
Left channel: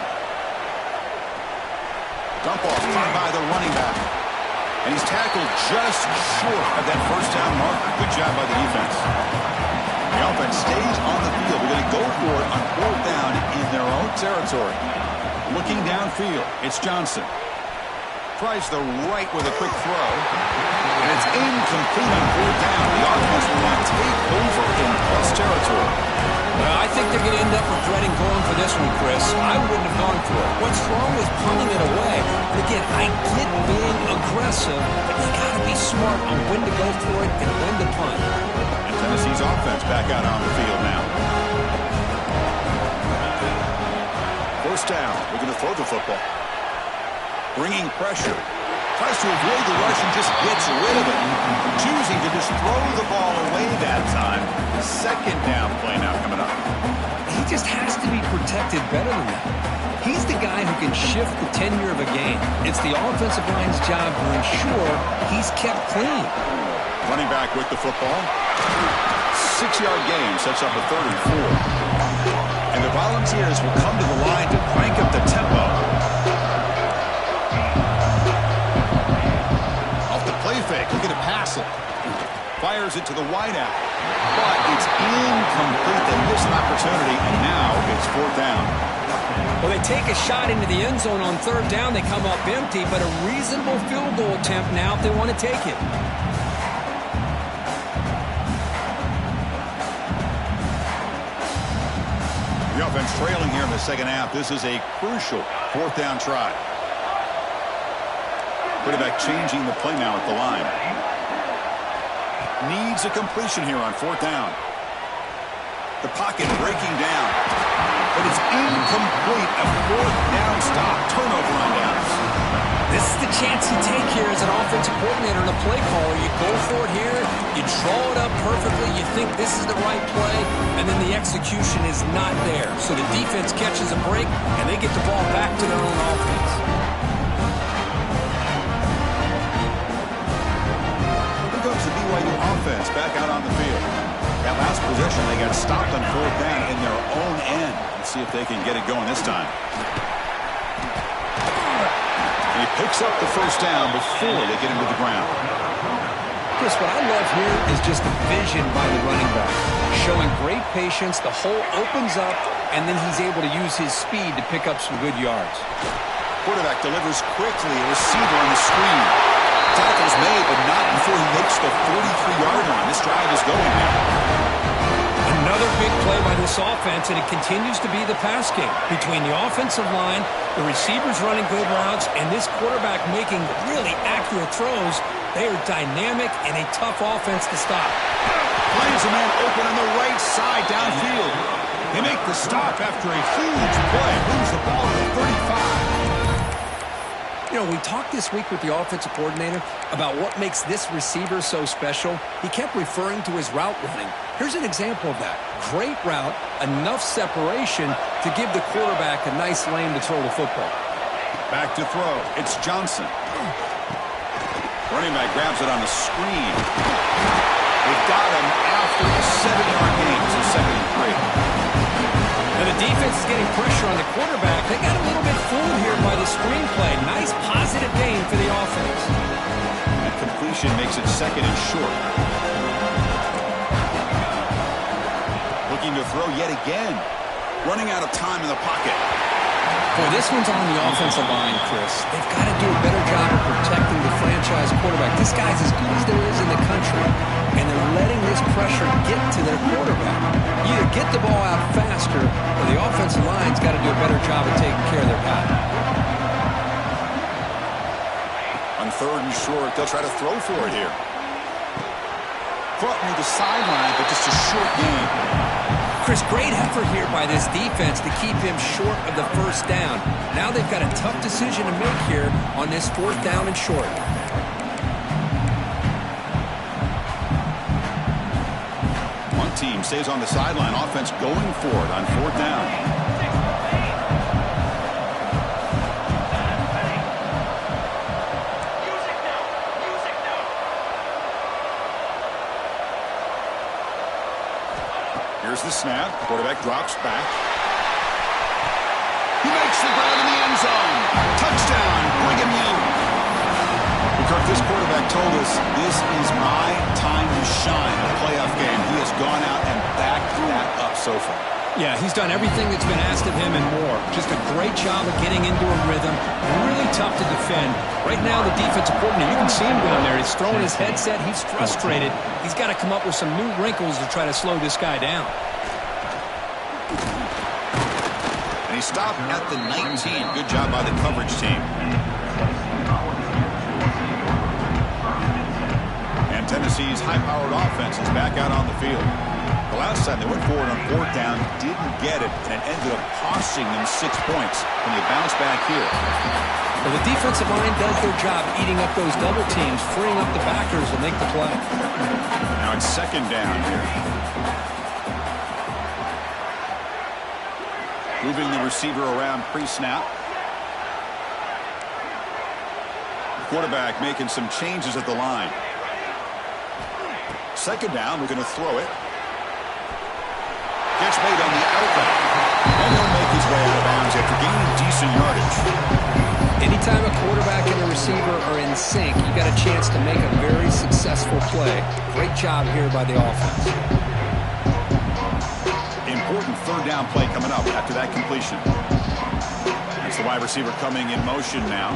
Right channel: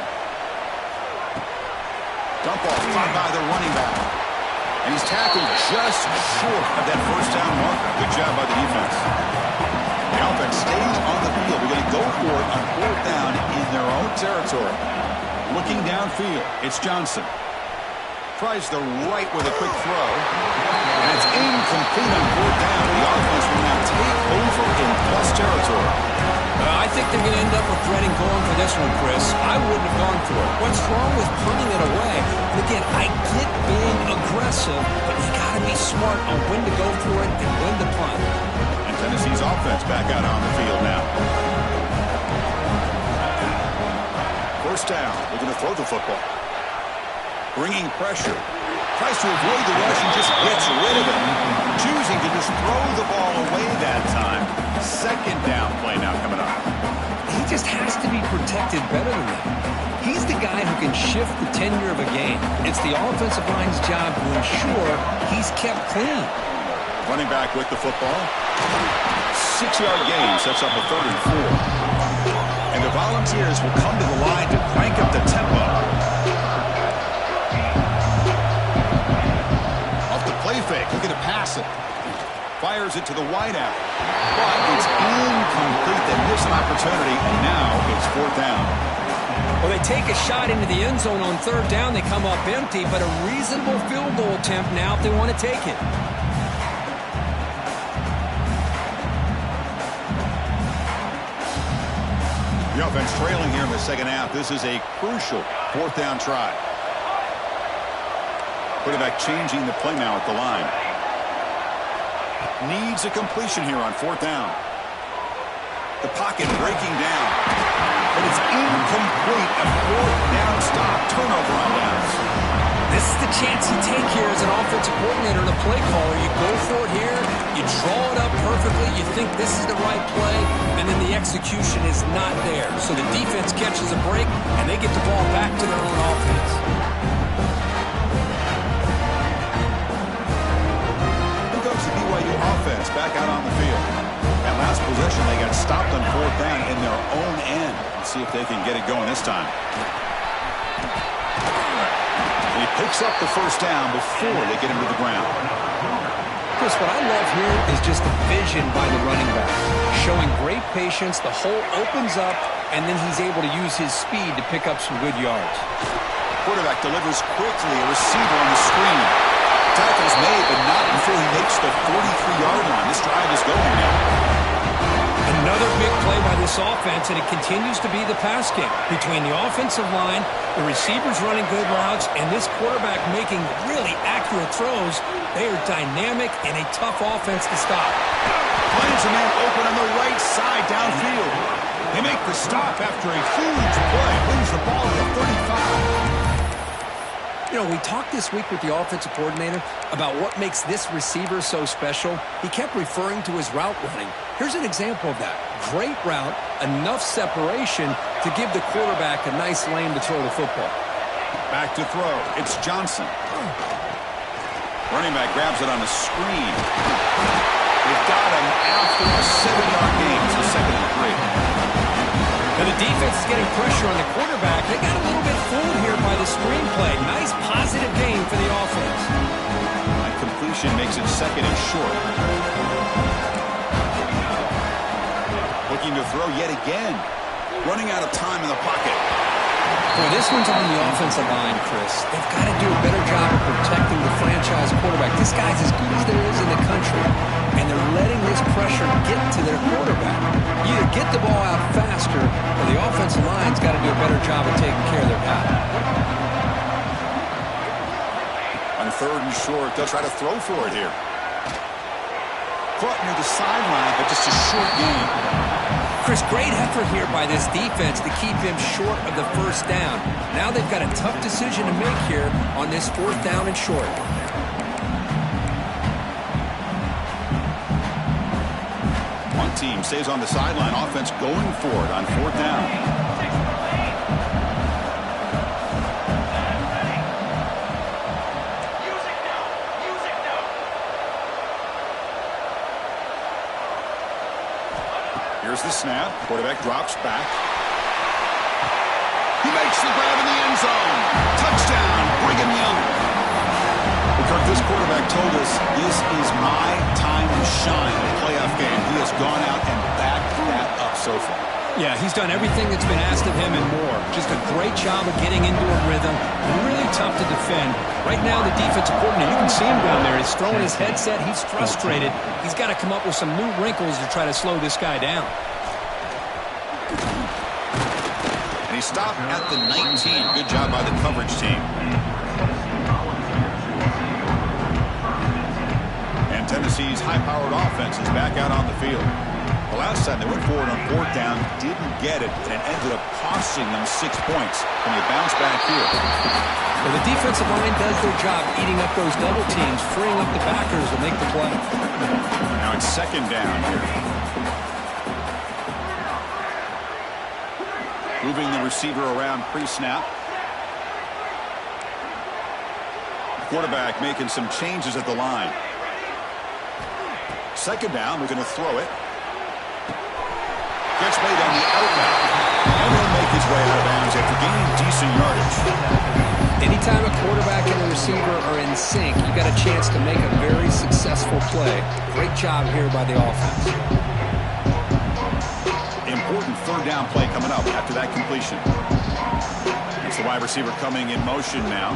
Dump off, caught by the running back. And he's tackled just short of that first down marker. Good job by the defense. The offense stays on the field. We're going to go for it on 4th down in their own territory. Looking downfield, it's Johnson. Tries the right with a quick throw. And it's incomplete on 4th down. The offense will now take over in plus territory. I think they're going to end up regretting going for this one, Chris. I wouldn't have gone for it. What's wrong with punting it away? And again, I get being aggressive, but you got to be smart on when to go for it and when to punt. And Tennessee's offense back out on the field now. 1st down. We're going to throw the football. Bringing pressure. Tries to avoid the rush and just gets rid of it. Choosing to just throw the ball away that time. 2nd down play now coming up. He just has to be protected better than that. He's the guy who can shift the tenure of a game. It's the offensive line's job to ensure he's kept clean. Running back with the football. 6-yard gain sets up a 3rd and 4. And the Volunteers will come to the line to crank up the tempo. Play fake, looking to pass it. Fires it to the wideout. But it's incomplete. They miss an opportunity, and now it's 4th down. Well, they take a shot into the end zone on 3rd down. They come up empty, but a reasonable field goal attempt now if they want to take it. The offense trailing here in the second half. This is a crucial 4th down try. Quarterback changing the play now at the line. Needs a completion here on 4th down. The pocket breaking down. But it's incomplete. A 4th down stop. Turnover on downs. This is the chance you take here as an offensive coordinator and a play caller. You go for it here. You draw it up perfectly. You think this is the right play. And then the execution is not there. So the defense catches a break, and they get the ball back to their own offense. The BYU offense back out on the field. That last possession, they got stopped on 4th down in their own end. Let's see if they can get it going this time. And he picks up the 1st down before they get him to the ground. Chris, what I love here is just the vision by the running back. Showing great patience, the hole opens up, and then he's able to use his speed to pick up some good yards. Quarterback delivers quickly, a receiver on the screen. Tackle's made, but not before he makes the 43-yard line. This drive is going now. Another big play by this offense, and it continues to be the pass game. Between the offensive line, the receivers running good routes, and this quarterback making really accurate throws, They are dynamic and a tough offense to stop. Finds a man open on the right side downfield. They make the stop after a huge play. Moves the ball to the 35. You know, we talked this week with the offensive coordinator about what makes this receiver so special. He kept referring to his route running. Here's an example of that. Great route, enough separation to give the quarterback a nice lane to throw the football. Back to throw. It's Johnson. Running back grabs it on the screen. They've got him after a 7-yard gain. So 2nd and 3. Now the defense is getting pressure on the quarterback. They got a little bit fooled here by the screenplay. Nice positive gain for the offense. That completion makes it 2nd and short. Looking to throw yet again. Running out of time in the pocket. Boy, this one's on the offensive line, Chris. They've got to do a better job of protecting the franchise quarterback. This guy's as good as there is in the country, and they're letting this pressure get to their quarterback. Either get the ball out faster, or the offensive line's got to do a better job of taking care of their guy. On 3rd and short, they'll try to throw for it here. Caught near the sideline, but just a short gain. Chris, great effort here by this defense to keep him short of the 1st down. Now they've got a tough decision to make here on this 4th down and short. One team stays on the sideline. Offense going for it on 4th down. Here's the snap. Quarterback drops back. He makes the grab in the end zone. Touchdown, Brigham Young. Well, Kirk, this quarterback told us this is my time to shine, a playoff game. He has gone out and backed that up so far. Yeah, he's done everything that's been asked of him and more. Just a great job of getting into a rhythm. Really tough to defend. Right now, the defensive coordinator, you can see him down there. He's throwing his headset. He's frustrated. He's got to come up with some new wrinkles to try to slow this guy down. And he stopped at the 19. Good job by the coverage team. And Tennessee's high-powered offense is back out on the field. The last time they went forward on 4th down, didn't get it, and it ended up costing them 6 points. And they bounce back here. Well, the defensive line does their job eating up those double teams, freeing up the backers to make the play. Now it's 2nd down here. Moving the receiver around pre-snap. Quarterback making some changes at the line. 2nd down, we're going to throw it. Gets made on the outbound. And he'll make his way out of bounds after gaining decent yardage. Anytime a quarterback and a receiver are in sync, you got a chance to make a very successful play. Great job here by the offense. Important 3rd down play coming up after that completion. That's the wide receiver coming in motion now.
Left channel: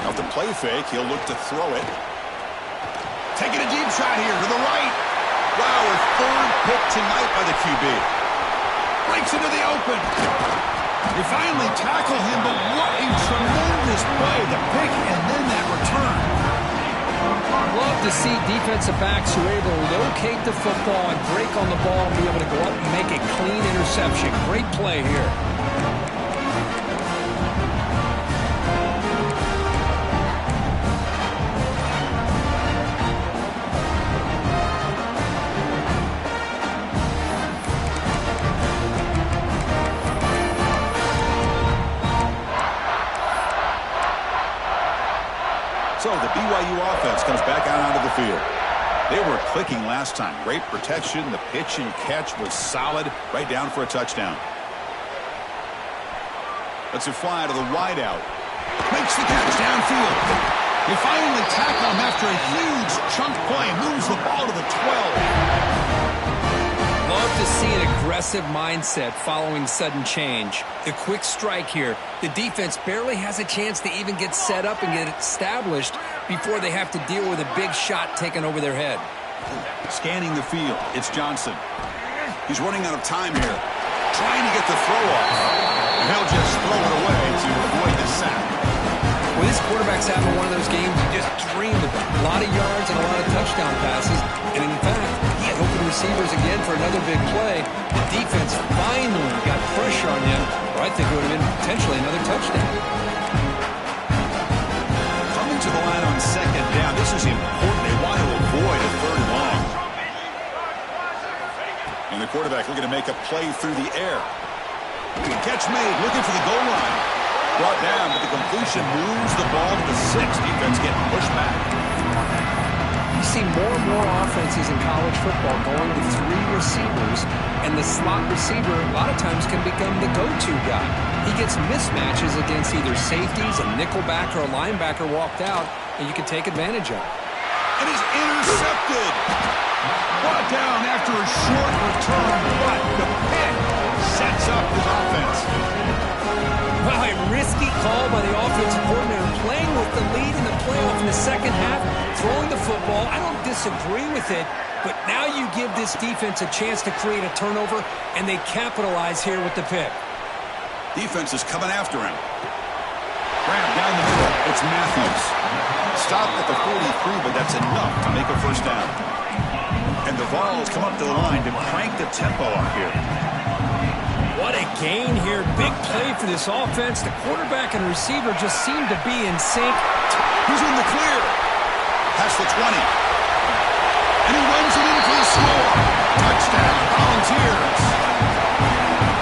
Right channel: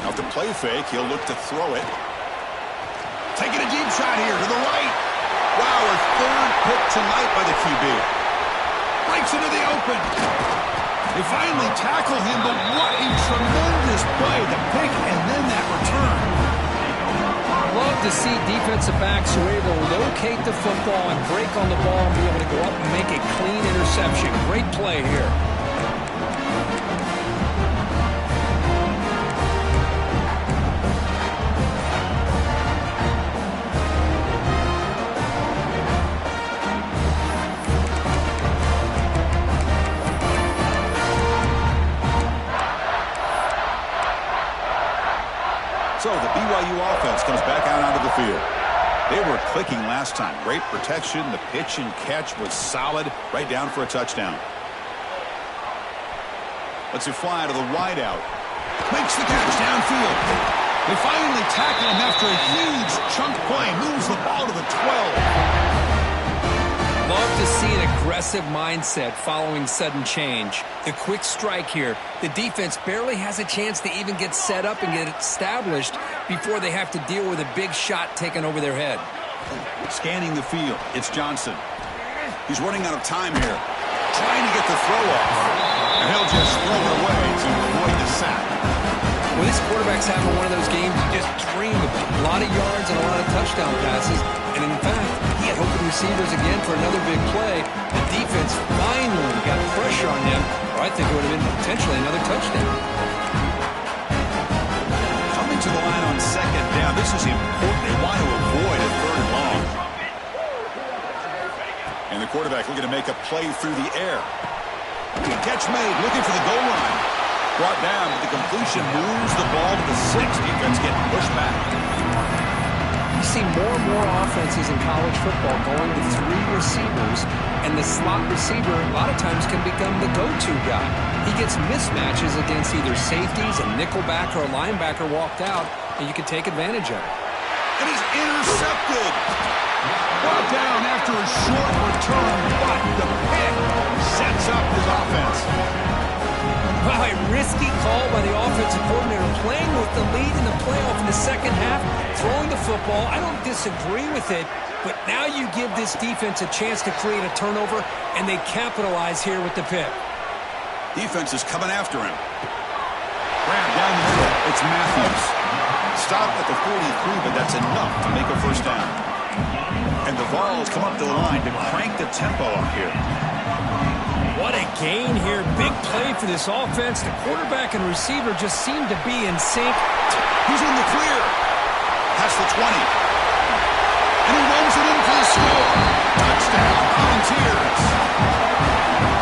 Now the play fake, he'll look to throw it. Taking a deep shot here to the right. Wow, a 3rd pick tonight by the QB. Breaks into the open. They finally tackle him, but what a tremendous play. The pick and then that return. Love to see defensive backs who are able to locate the football and break on the ball and be able to go up and make a clean interception. Great play here. So the BYU offense comes back out onto the field. They were clicking last time. Great protection. The pitch and catch was solid. Right down for a touchdown. Lets it fly to the wideout. Makes the catch downfield. They finally tackle him after a huge chunk play. Moves the ball to the 12. Love to see an aggressive mindset following sudden change. The quick strike here. The defense barely has a chance to even get set up and get established before they have to deal with a big shot taken over their head. Scanning the field, it's Johnson. He's running out of time here. Trying to get the throw off. And he'll just throw it away to avoid the sack. Well, this quarterback's having one of those games you just dream about. A lot of yards and a lot of touchdown passes. And in fact, he had open receivers again for another big play. The defense finally got pressure on him, or I think it would have been potentially another touchdown. Coming to the line on second down, this is important. They want to avoid a third and long. And the quarterback looking to make a play through the air. Catch made, looking for the goal line. Brought down, but the completion moves the ball to the 6. Defense getting pushed back. You see more and more offenses in college football going to 3 receivers, and the slot receiver a lot of times can become the go-to guy. He gets mismatches against either safeties, a nickelback, or a linebacker walked out, and you can take advantage of it. And he's intercepted. Brought down after a short return, but the pick sets up his offense. Wow, a risky call by the offensive coordinator, playing with the lead in the playoff in the second half, throwing the football. I don't disagree with it, but now you give this defense a chance to create a turnover, and they capitalize here with the pick. Defense is coming after him. Grab down the middle. It's Matthews. Stopped at the 43, but that's enough to make a first down. And the Vols come up to the line to crank the tempo up here. What a gain here. Big play for this offense. The quarterback and receiver just seem to be in sync. He's in the clear. Past the 20. And he runs it in for the score. Touchdown, Volunteers.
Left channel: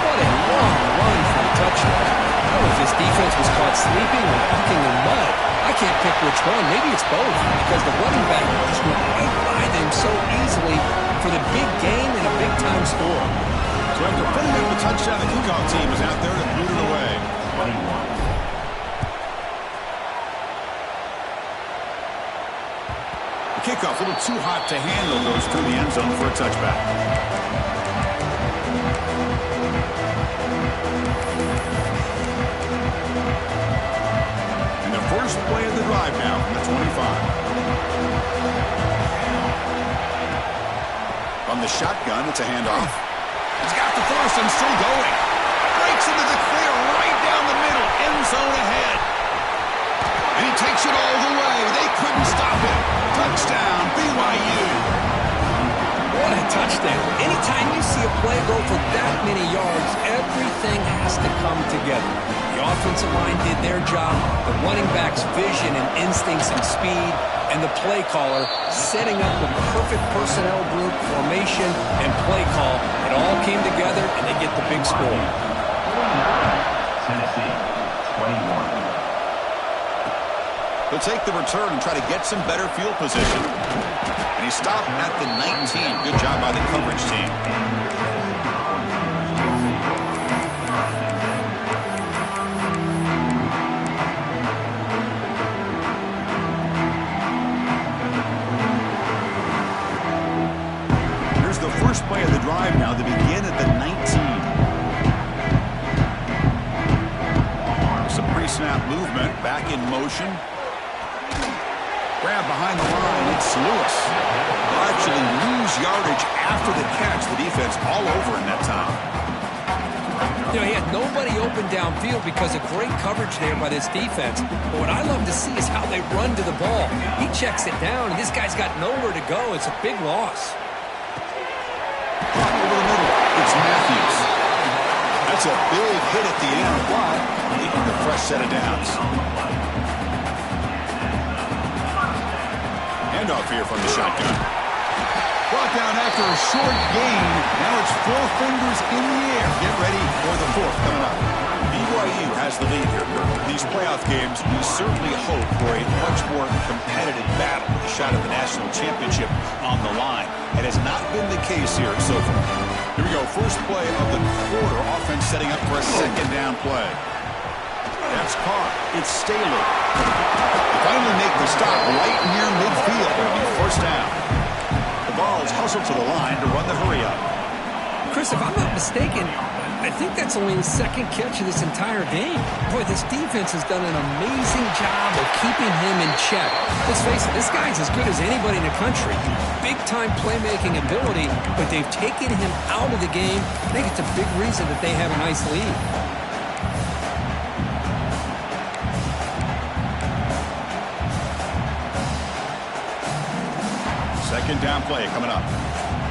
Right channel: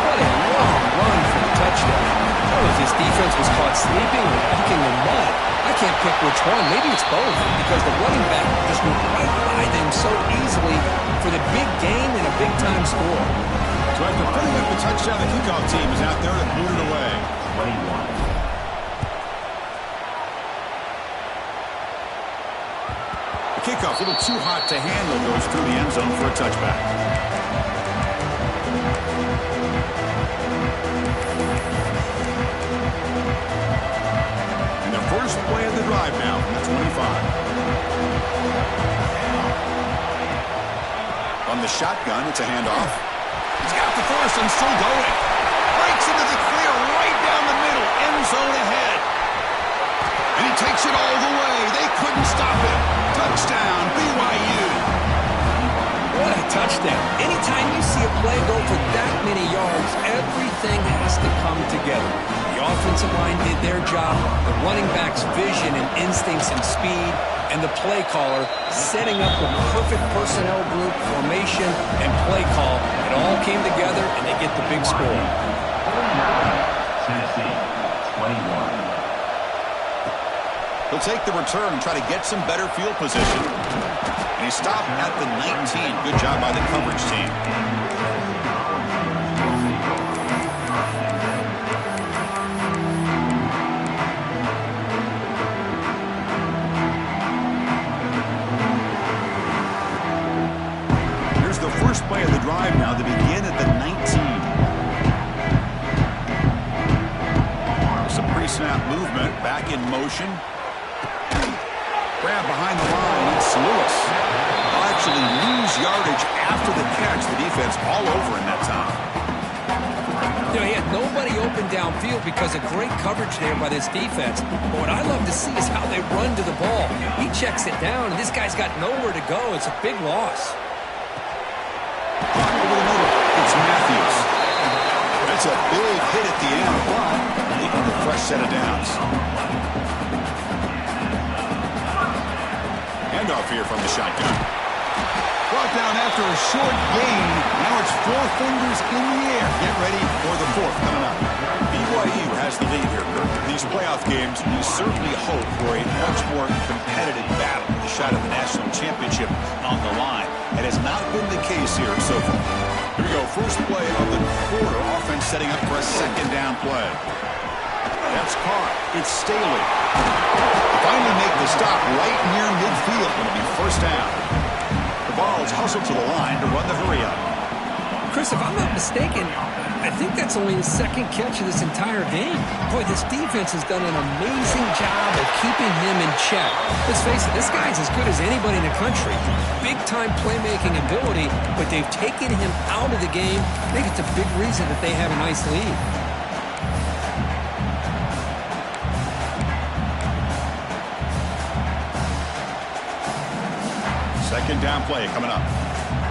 What a long run for the touchdown. I don't know if this defense was caught sleeping or walking in mud. I can't pick which one. Maybe it's both, because the running back just went right by them so easily for the big gain and a big-time score. So after putting up a touchdown, the kickoff team is out there to boot it away. 21. The kickoff, a little too hot to handle, goes through the end zone for a touchback. And the first play of the drive now from the 25. On the shotgun, it's a handoff. He's got the first and still going. Breaks into the clear right down the middle. End zone ahead. And he takes it all the way. They couldn't stop him. Touchdown, BYU. What a touchdown. Anytime you see a play go for that many yards, everything has to come together. The offensive line did their job, the running back's vision and instincts and speed, and the play caller setting up the perfect personnel group, formation, and play call. It all came together, and they get the big score. Tennessee, 21. He'll take the return and try to get some better field position. And he stopped at the 19. Good job by the coverage team. Here's the first play of the drive now. They begin at the 19. Some pre-snap movement, back in motion. Grab behind the line, it's Lewis. They'll actually lose yardage after the catch. The defense all over in that time. You know, he had nobody open downfield because of great coverage there by this defense. But what I love to see is how they run to the ball. He checks it down, and this guy's got nowhere to go. It's a big loss. Caught over the middle, it's Matthews. That's a big hit at the end, but leaving a fresh set of downs. Handoff here from the shotgun. Brought down after a short gain. Now it's 4 fingers in the air. Get ready for the 4th coming up. BYU has the lead here, Kirk. These playoff games, we certainly hope for a much more competitive battle with a shot at the national championship on the line. It has not been the case here so far. Here we go. First play of the quarter. Offense setting up for a second down play. That's caught. It's Staley. They finally make the stop right near midfield. It'll be first down. The Vols hustle to the line to run the hurry up. Chris, if I'm not mistaken, I think that's only his second catch of this entire game. Boy, this defense has done an amazing job of keeping him in check. Let's face it, this guy's as good as anybody in the country. Big-time playmaking ability, but they've taken him out of the game. I think it's a big reason that they have a nice lead. Second down play coming up.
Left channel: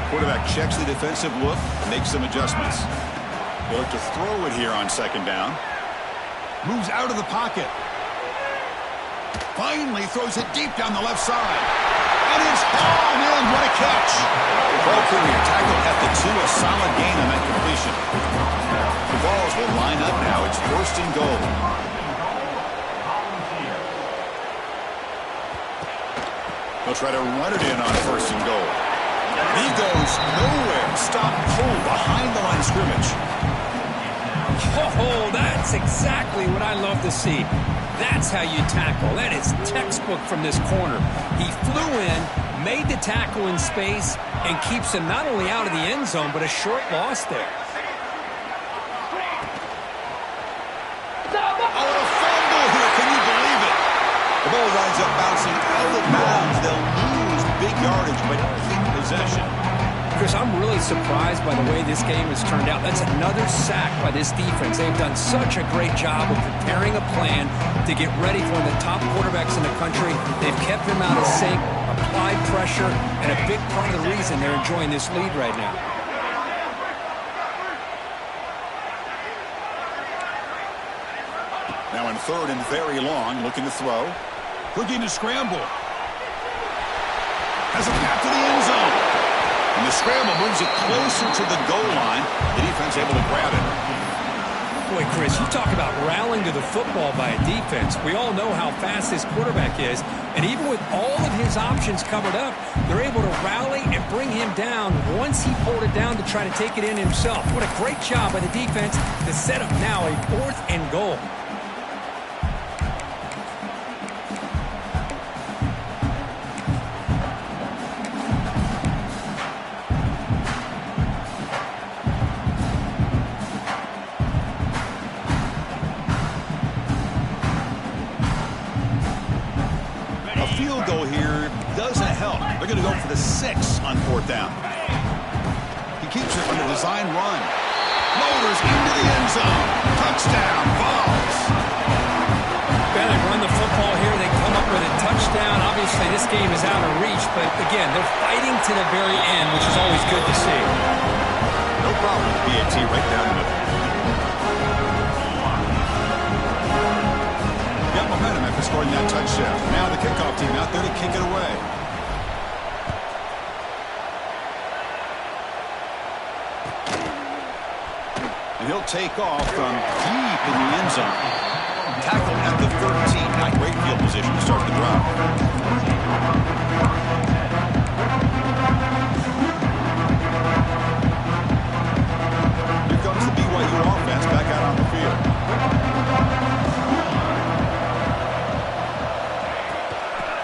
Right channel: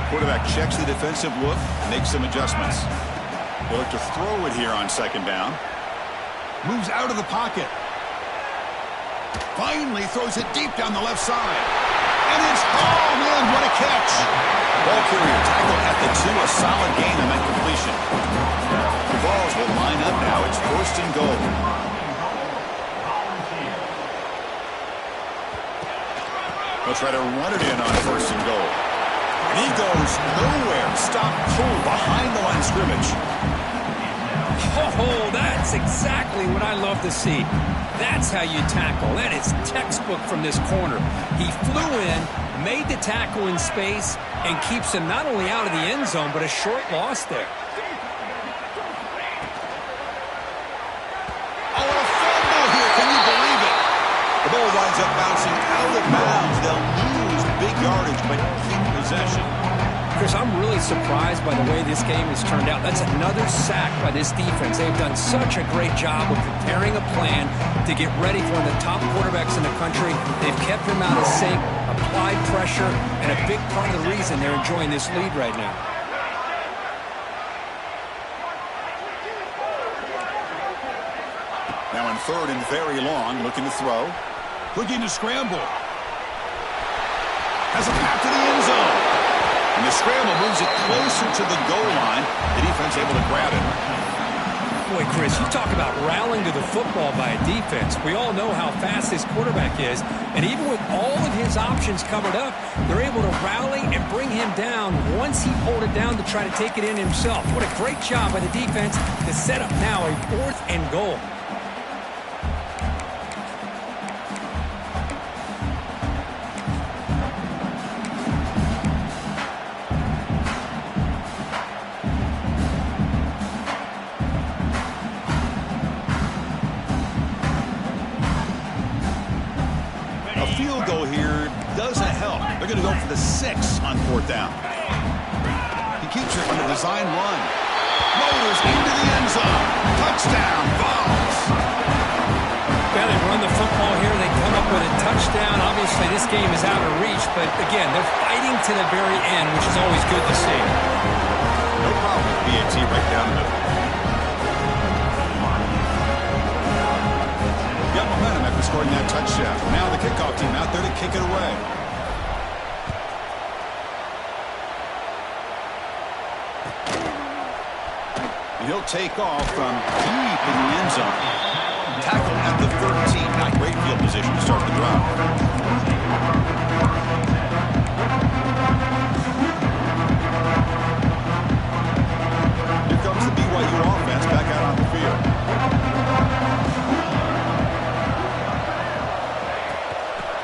Quarterback checks the defensive look, makes some adjustments. He'll look to throw it here on second down. Moves out of the pocket. Finally throws it deep down the left side. And it's hauled in. What a catch. Ball carrier tackled at the 2. A solid gain on that completion. The balls will line up now. It's first and goal. They'll try to run it in on first and goal. And he goes nowhere. Stop cold behind the line of scrimmage. Oh, that's exactly what I love to see. That's how you tackle. That is textbook from this corner. He flew in, made the tackle in space, and keeps him not only out of the end zone, but a short loss there. Oh, and a fumble here. Can you believe it? The ball winds up bouncing out of bounds. They'll lose big yardage, but keep possession. Chris, I'm really surprised by the way this game has turned out. That's another sack by this defense. They've done such a great job of preparing a plan to get ready for one of the top quarterbacks in the country. They've kept him out of sync, applied pressure, and a big part of the reason they're enjoying this lead right now. Now in third and very long, looking to throw. Looking to scramble. Has a path to the end zone. And the scramble moves it closer to the goal line. The defense able to grab it. Boy, Chris, you talk about rallying to the football by a defense. We all know how fast this quarterback is. And even with all of his options covered up, they're able to rally and bring him down once he pulled it down to try to take it in himself. What a great job by the defense to set up now a 4th and goal. Field goal here doesn't help. They're going to go for the 6 on 4th down. He keeps it on a design run. Motors into the end zone. Touchdown, Vols. Well, they run the football here. They come up with a touchdown. Obviously, this game is out of reach, but again, they're fighting to the very end, which is always good to see. No problem with BAT right down the middle. Got momentum after scoring that touchdown. Now the kickoff team out there to kick it away. And he'll take off from deep in the end zone. Tackled at the 13. Not great field position to start the drive. Here comes the BYU offense back out on the field.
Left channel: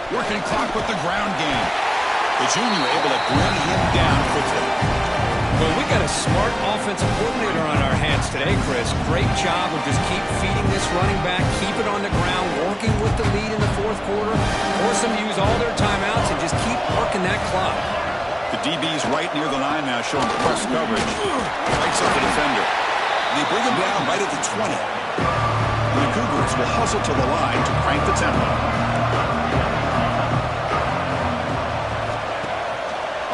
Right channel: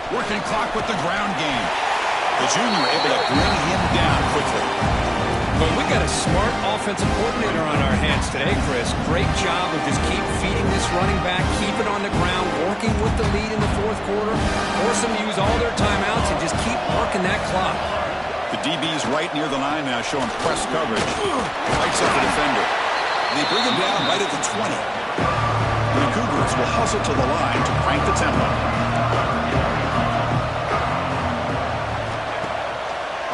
Working clock with the ground game. The junior able to bring him down quickly. Well, we got a smart offensive coordinator on our hands today, Chris. Great job of just keep feeding this running back, keep it on the ground, working with the lead in the 4th quarter, force them to use all their timeouts, and just keep working that clock. The DB's right near the line now, showing press coverage. Lights up the defender. They bring him down right at the 20. The Cougars will hustle to the line to crank the tempo.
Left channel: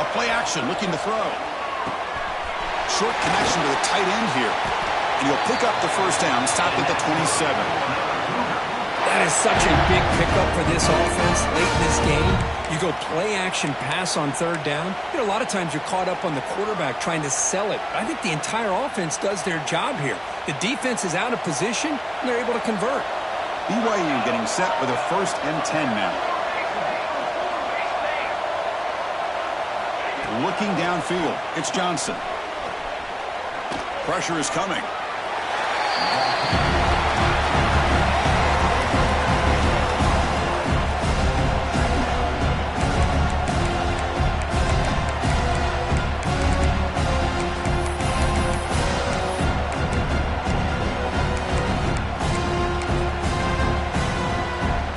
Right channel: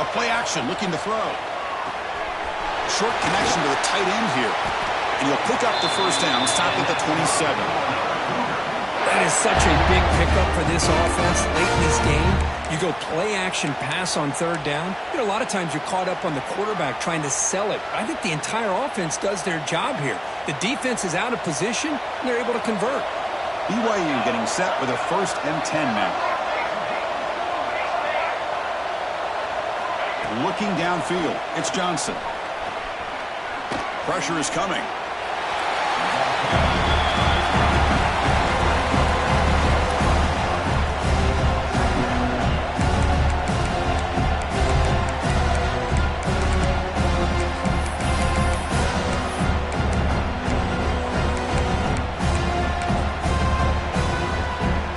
A play action, looking to throw. Short connection to the tight end here. And he'll pick up the first down, stopped at the 27. That is such a big pickup for this offense late in this game. You go play action pass on 3rd down. You know, a lot of times you're caught up on the quarterback trying to sell it. But I think the entire offense does their job here. The defense is out of position, and they're able to convert. BYU getting set with a 1st and 10 now. Looking downfield, it's Johnson. Pressure is coming.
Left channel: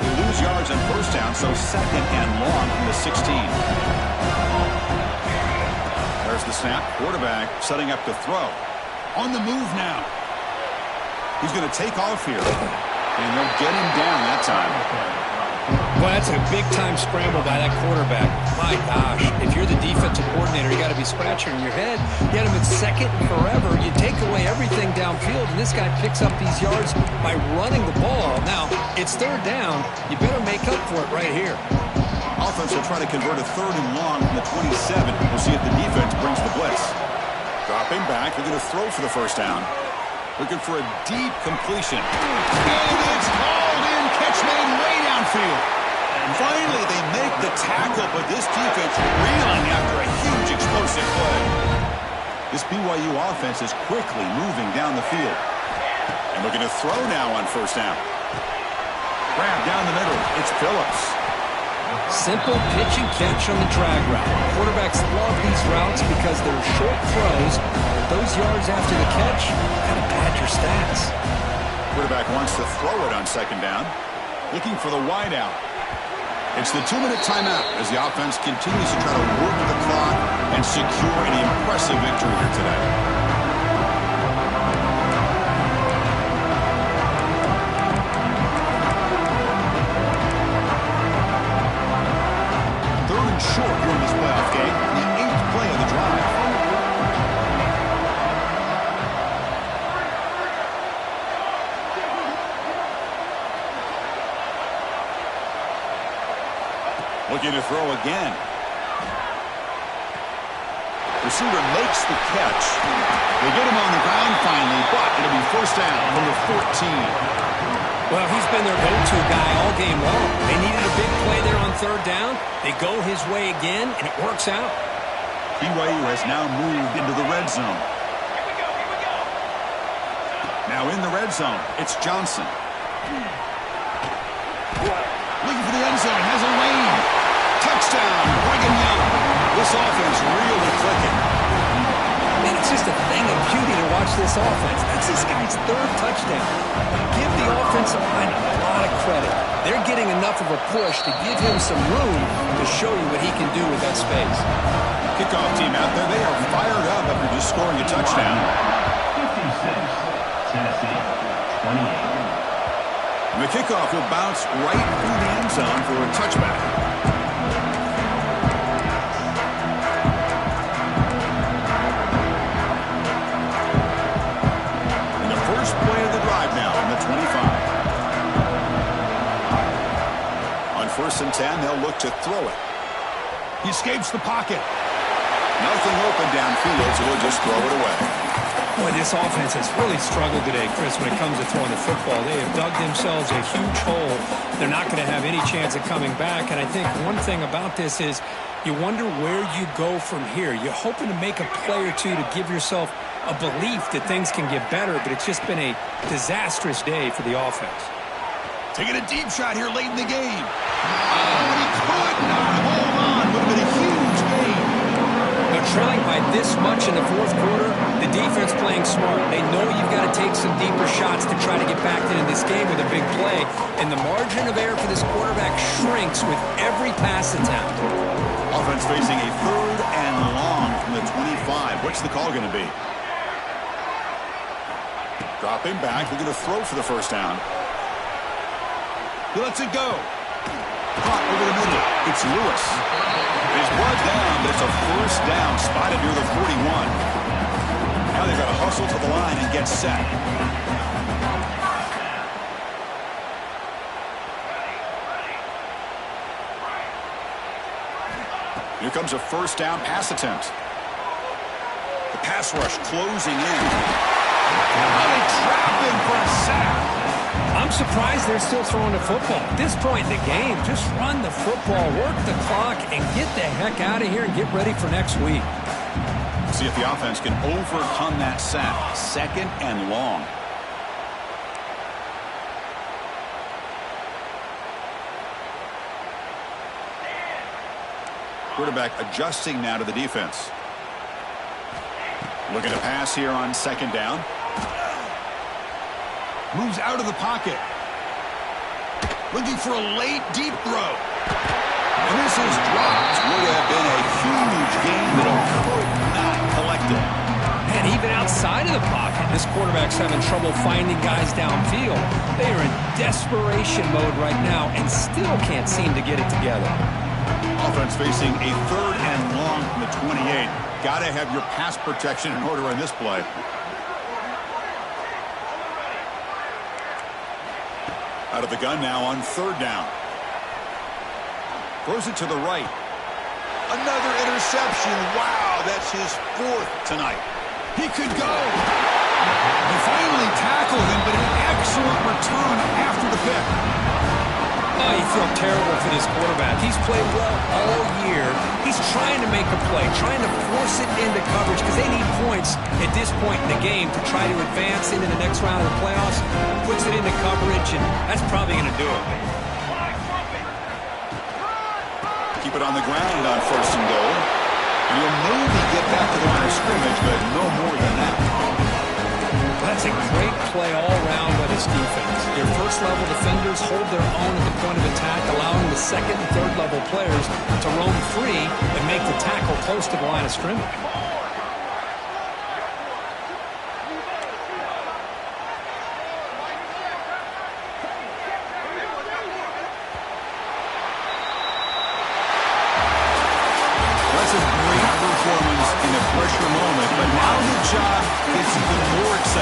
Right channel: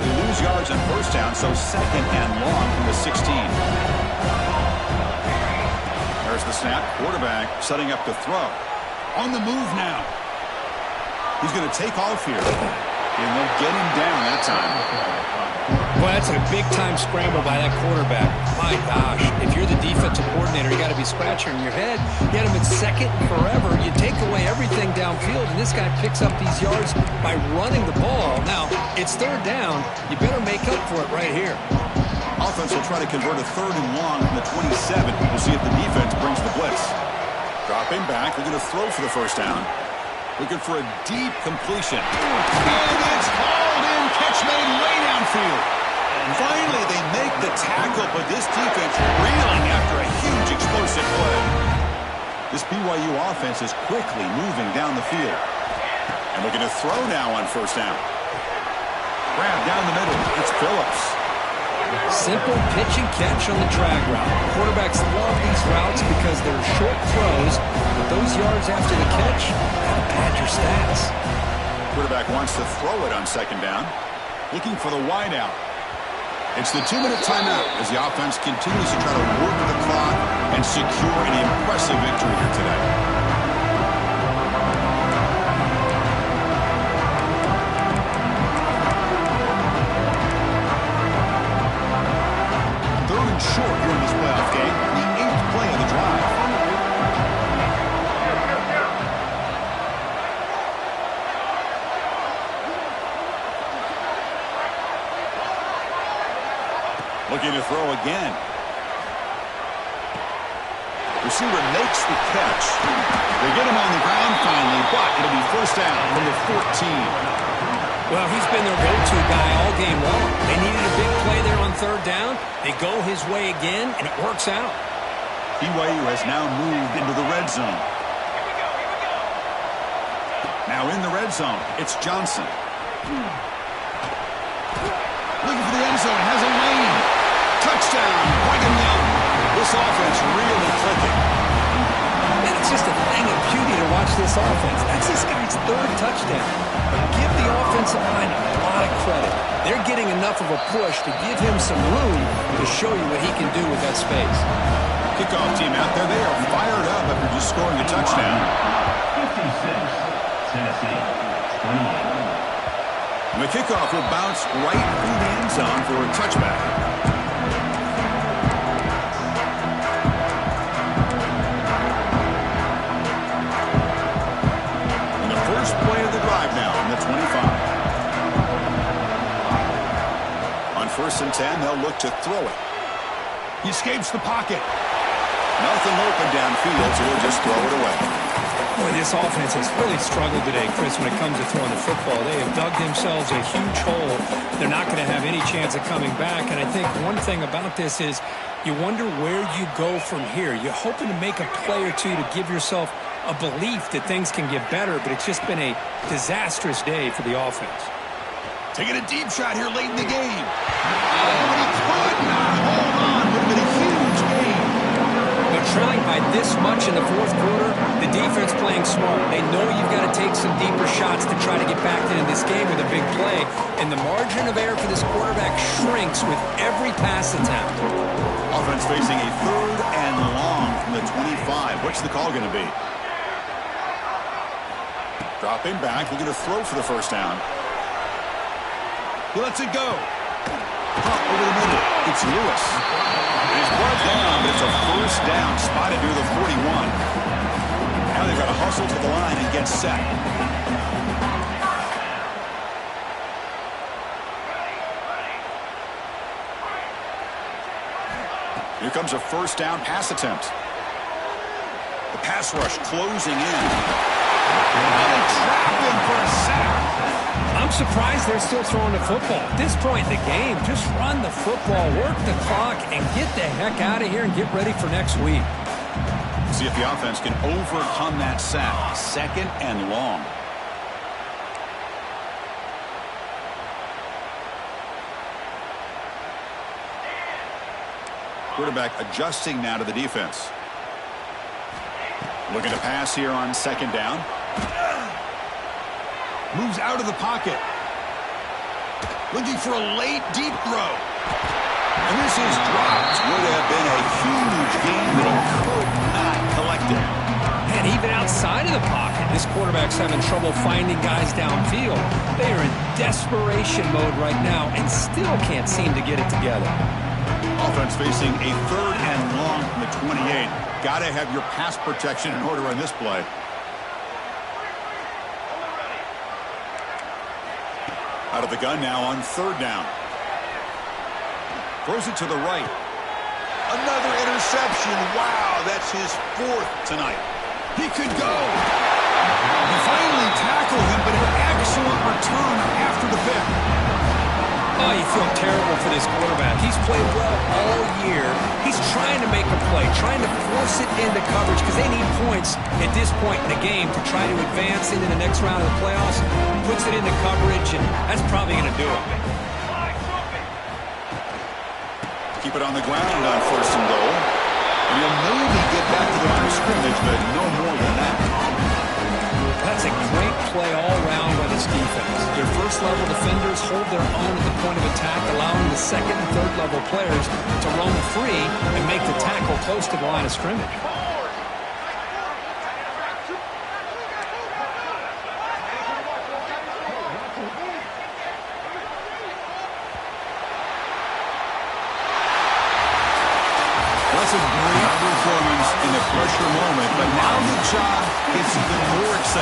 They lose yards on 1st down, so 2nd and long from the 16. There's the snap. Quarterback setting up to throw. On the move now. He's going to take off here. And they'll get him down that time. Well, that's a big-time scramble by that quarterback. My gosh, if you're the defensive coordinator, you got to be scratching your head. You had him in second and forever. You take away everything downfield, and this guy picks up these yards by running the ball. Now, it's third down. You better make up for it right here. Offense will try to convert a 3rd and long from the 27. We'll see if the defense brings the blitz. Dropping back, looking to throw for the first down. Looking for a deep completion. And it's hauled in. Catch made way downfield. And finally, they make the tackle, but this defense reeling after a huge explosive play. This BYU offense is quickly moving down the field. And looking to throw now on first down. Grab down the middle. It's Phillips. Simple pitch and catch on the drag route. Quarterbacks love these routes because they're short throws, but those yards after the catch kind of pad your stats. Quarterback wants to throw it on second down. Looking for the wide out. It's the 2-minute timeout as the offense continues to try to work the clock and secure an impressive victory here today. Short during this playoff game, the 8th play of the drive. Looking to throw again. Receiver makes the catch. They get him on the ground finally, but it'll be first down from the 14. Well, he's been their go-to guy all game long. They needed a big play there on third down. They go his way again, and it works out. BYU has now moved into the red zone. Here we go. Now in the red zone, it's Johnson. Looking for the end zone, has a lane. Touchdown, Brigham Young. This offense really clicking. Man, it's just a thing of beauty to watch this offense. That's this guy's 3rd touchdown. But give the offensive line a lot of credit. They're getting enough of a push to give him some room to show you what he can do with that space. Kickoff team out there, they are fired up after just scoring a touchdown. 56, Tennessee, 28. And the kickoff will bounce right through the end zone for a touchback. Play of the drive now on the 25. On 1st and 10, they'll look to throw it. He escapes the pocket. Nothing open downfield, so he'll just throw it away. Boy, this offense has really struggled today, Chris, when it comes to throwing the football. They have dug themselves a huge hole. They're not going to have any chance of coming back. And I think one thing about this is you wonder where you go from here. You're hoping to make a play or two to give yourself a belief that things can get better, but it's just been a disastrous day for the offense. Taking a deep shot here late in the game. Oh, and he could not hold on. Would have been a huge game. Now, trailing by this much in the 4th quarter, the defense playing smart. They know you've got to take some deeper shots to try to get back into this game with a big play, and the margin of error for this quarterback shrinks with every pass attempt. Offense facing a 3rd and long from the 25. What's the call going to be? Dropping back, looking to throw for the first down. He lets it go. Caught over the middle. It's Lewis. He's brought down, but it's a first down, spotted near the 41. Now they've got to hustle to the line and get set. Here comes a first down pass attempt. The pass rush closing in. Now they trap him for a sack. I'm surprised they're still throwing the football. At this point in the game, just run the football, work the clock, and get the heck out of here and get ready for next week. See if the offense can overcome that sack. 2nd and long. Quarterback adjusting now to the defense. Looking to pass here on 2nd down. Moves out of the pocket. Looking for a late, deep throw. And this is dropped. Would have been a huge game, but he could not collect it. Man, even outside of the pocket. This quarterback's having trouble finding guys downfield. They are in desperation mode right now and still can't seem to get it together. Offense facing a 3rd and long from the 28. Got to have your pass protection in order on this play. Out of the gun now on 3rd down. Throws it to the right. Another interception. Wow, that's his 4th tonight. He could go. They finally tackled him, but an excellent return after the pick. Oh, you feel terrible for this quarterback. He's played well all year. He's trying to make a play, trying to force it into coverage because they need points at this point in the game to try to advance into the next round of the playoffs. Puts it into coverage, and that's probably going to do it. Keep it on the ground on 1st and goal. And he'll maybe get back to the line of scrimmage, but no more than that. That's a great play all around by this defense. Their first-level defenders hold their own at the point of attack, allowing the second and third-level players to roam free and make the tackle close to the line of scrimmage. That's a great performance in a pressure moment, but now the job gets even more exciting.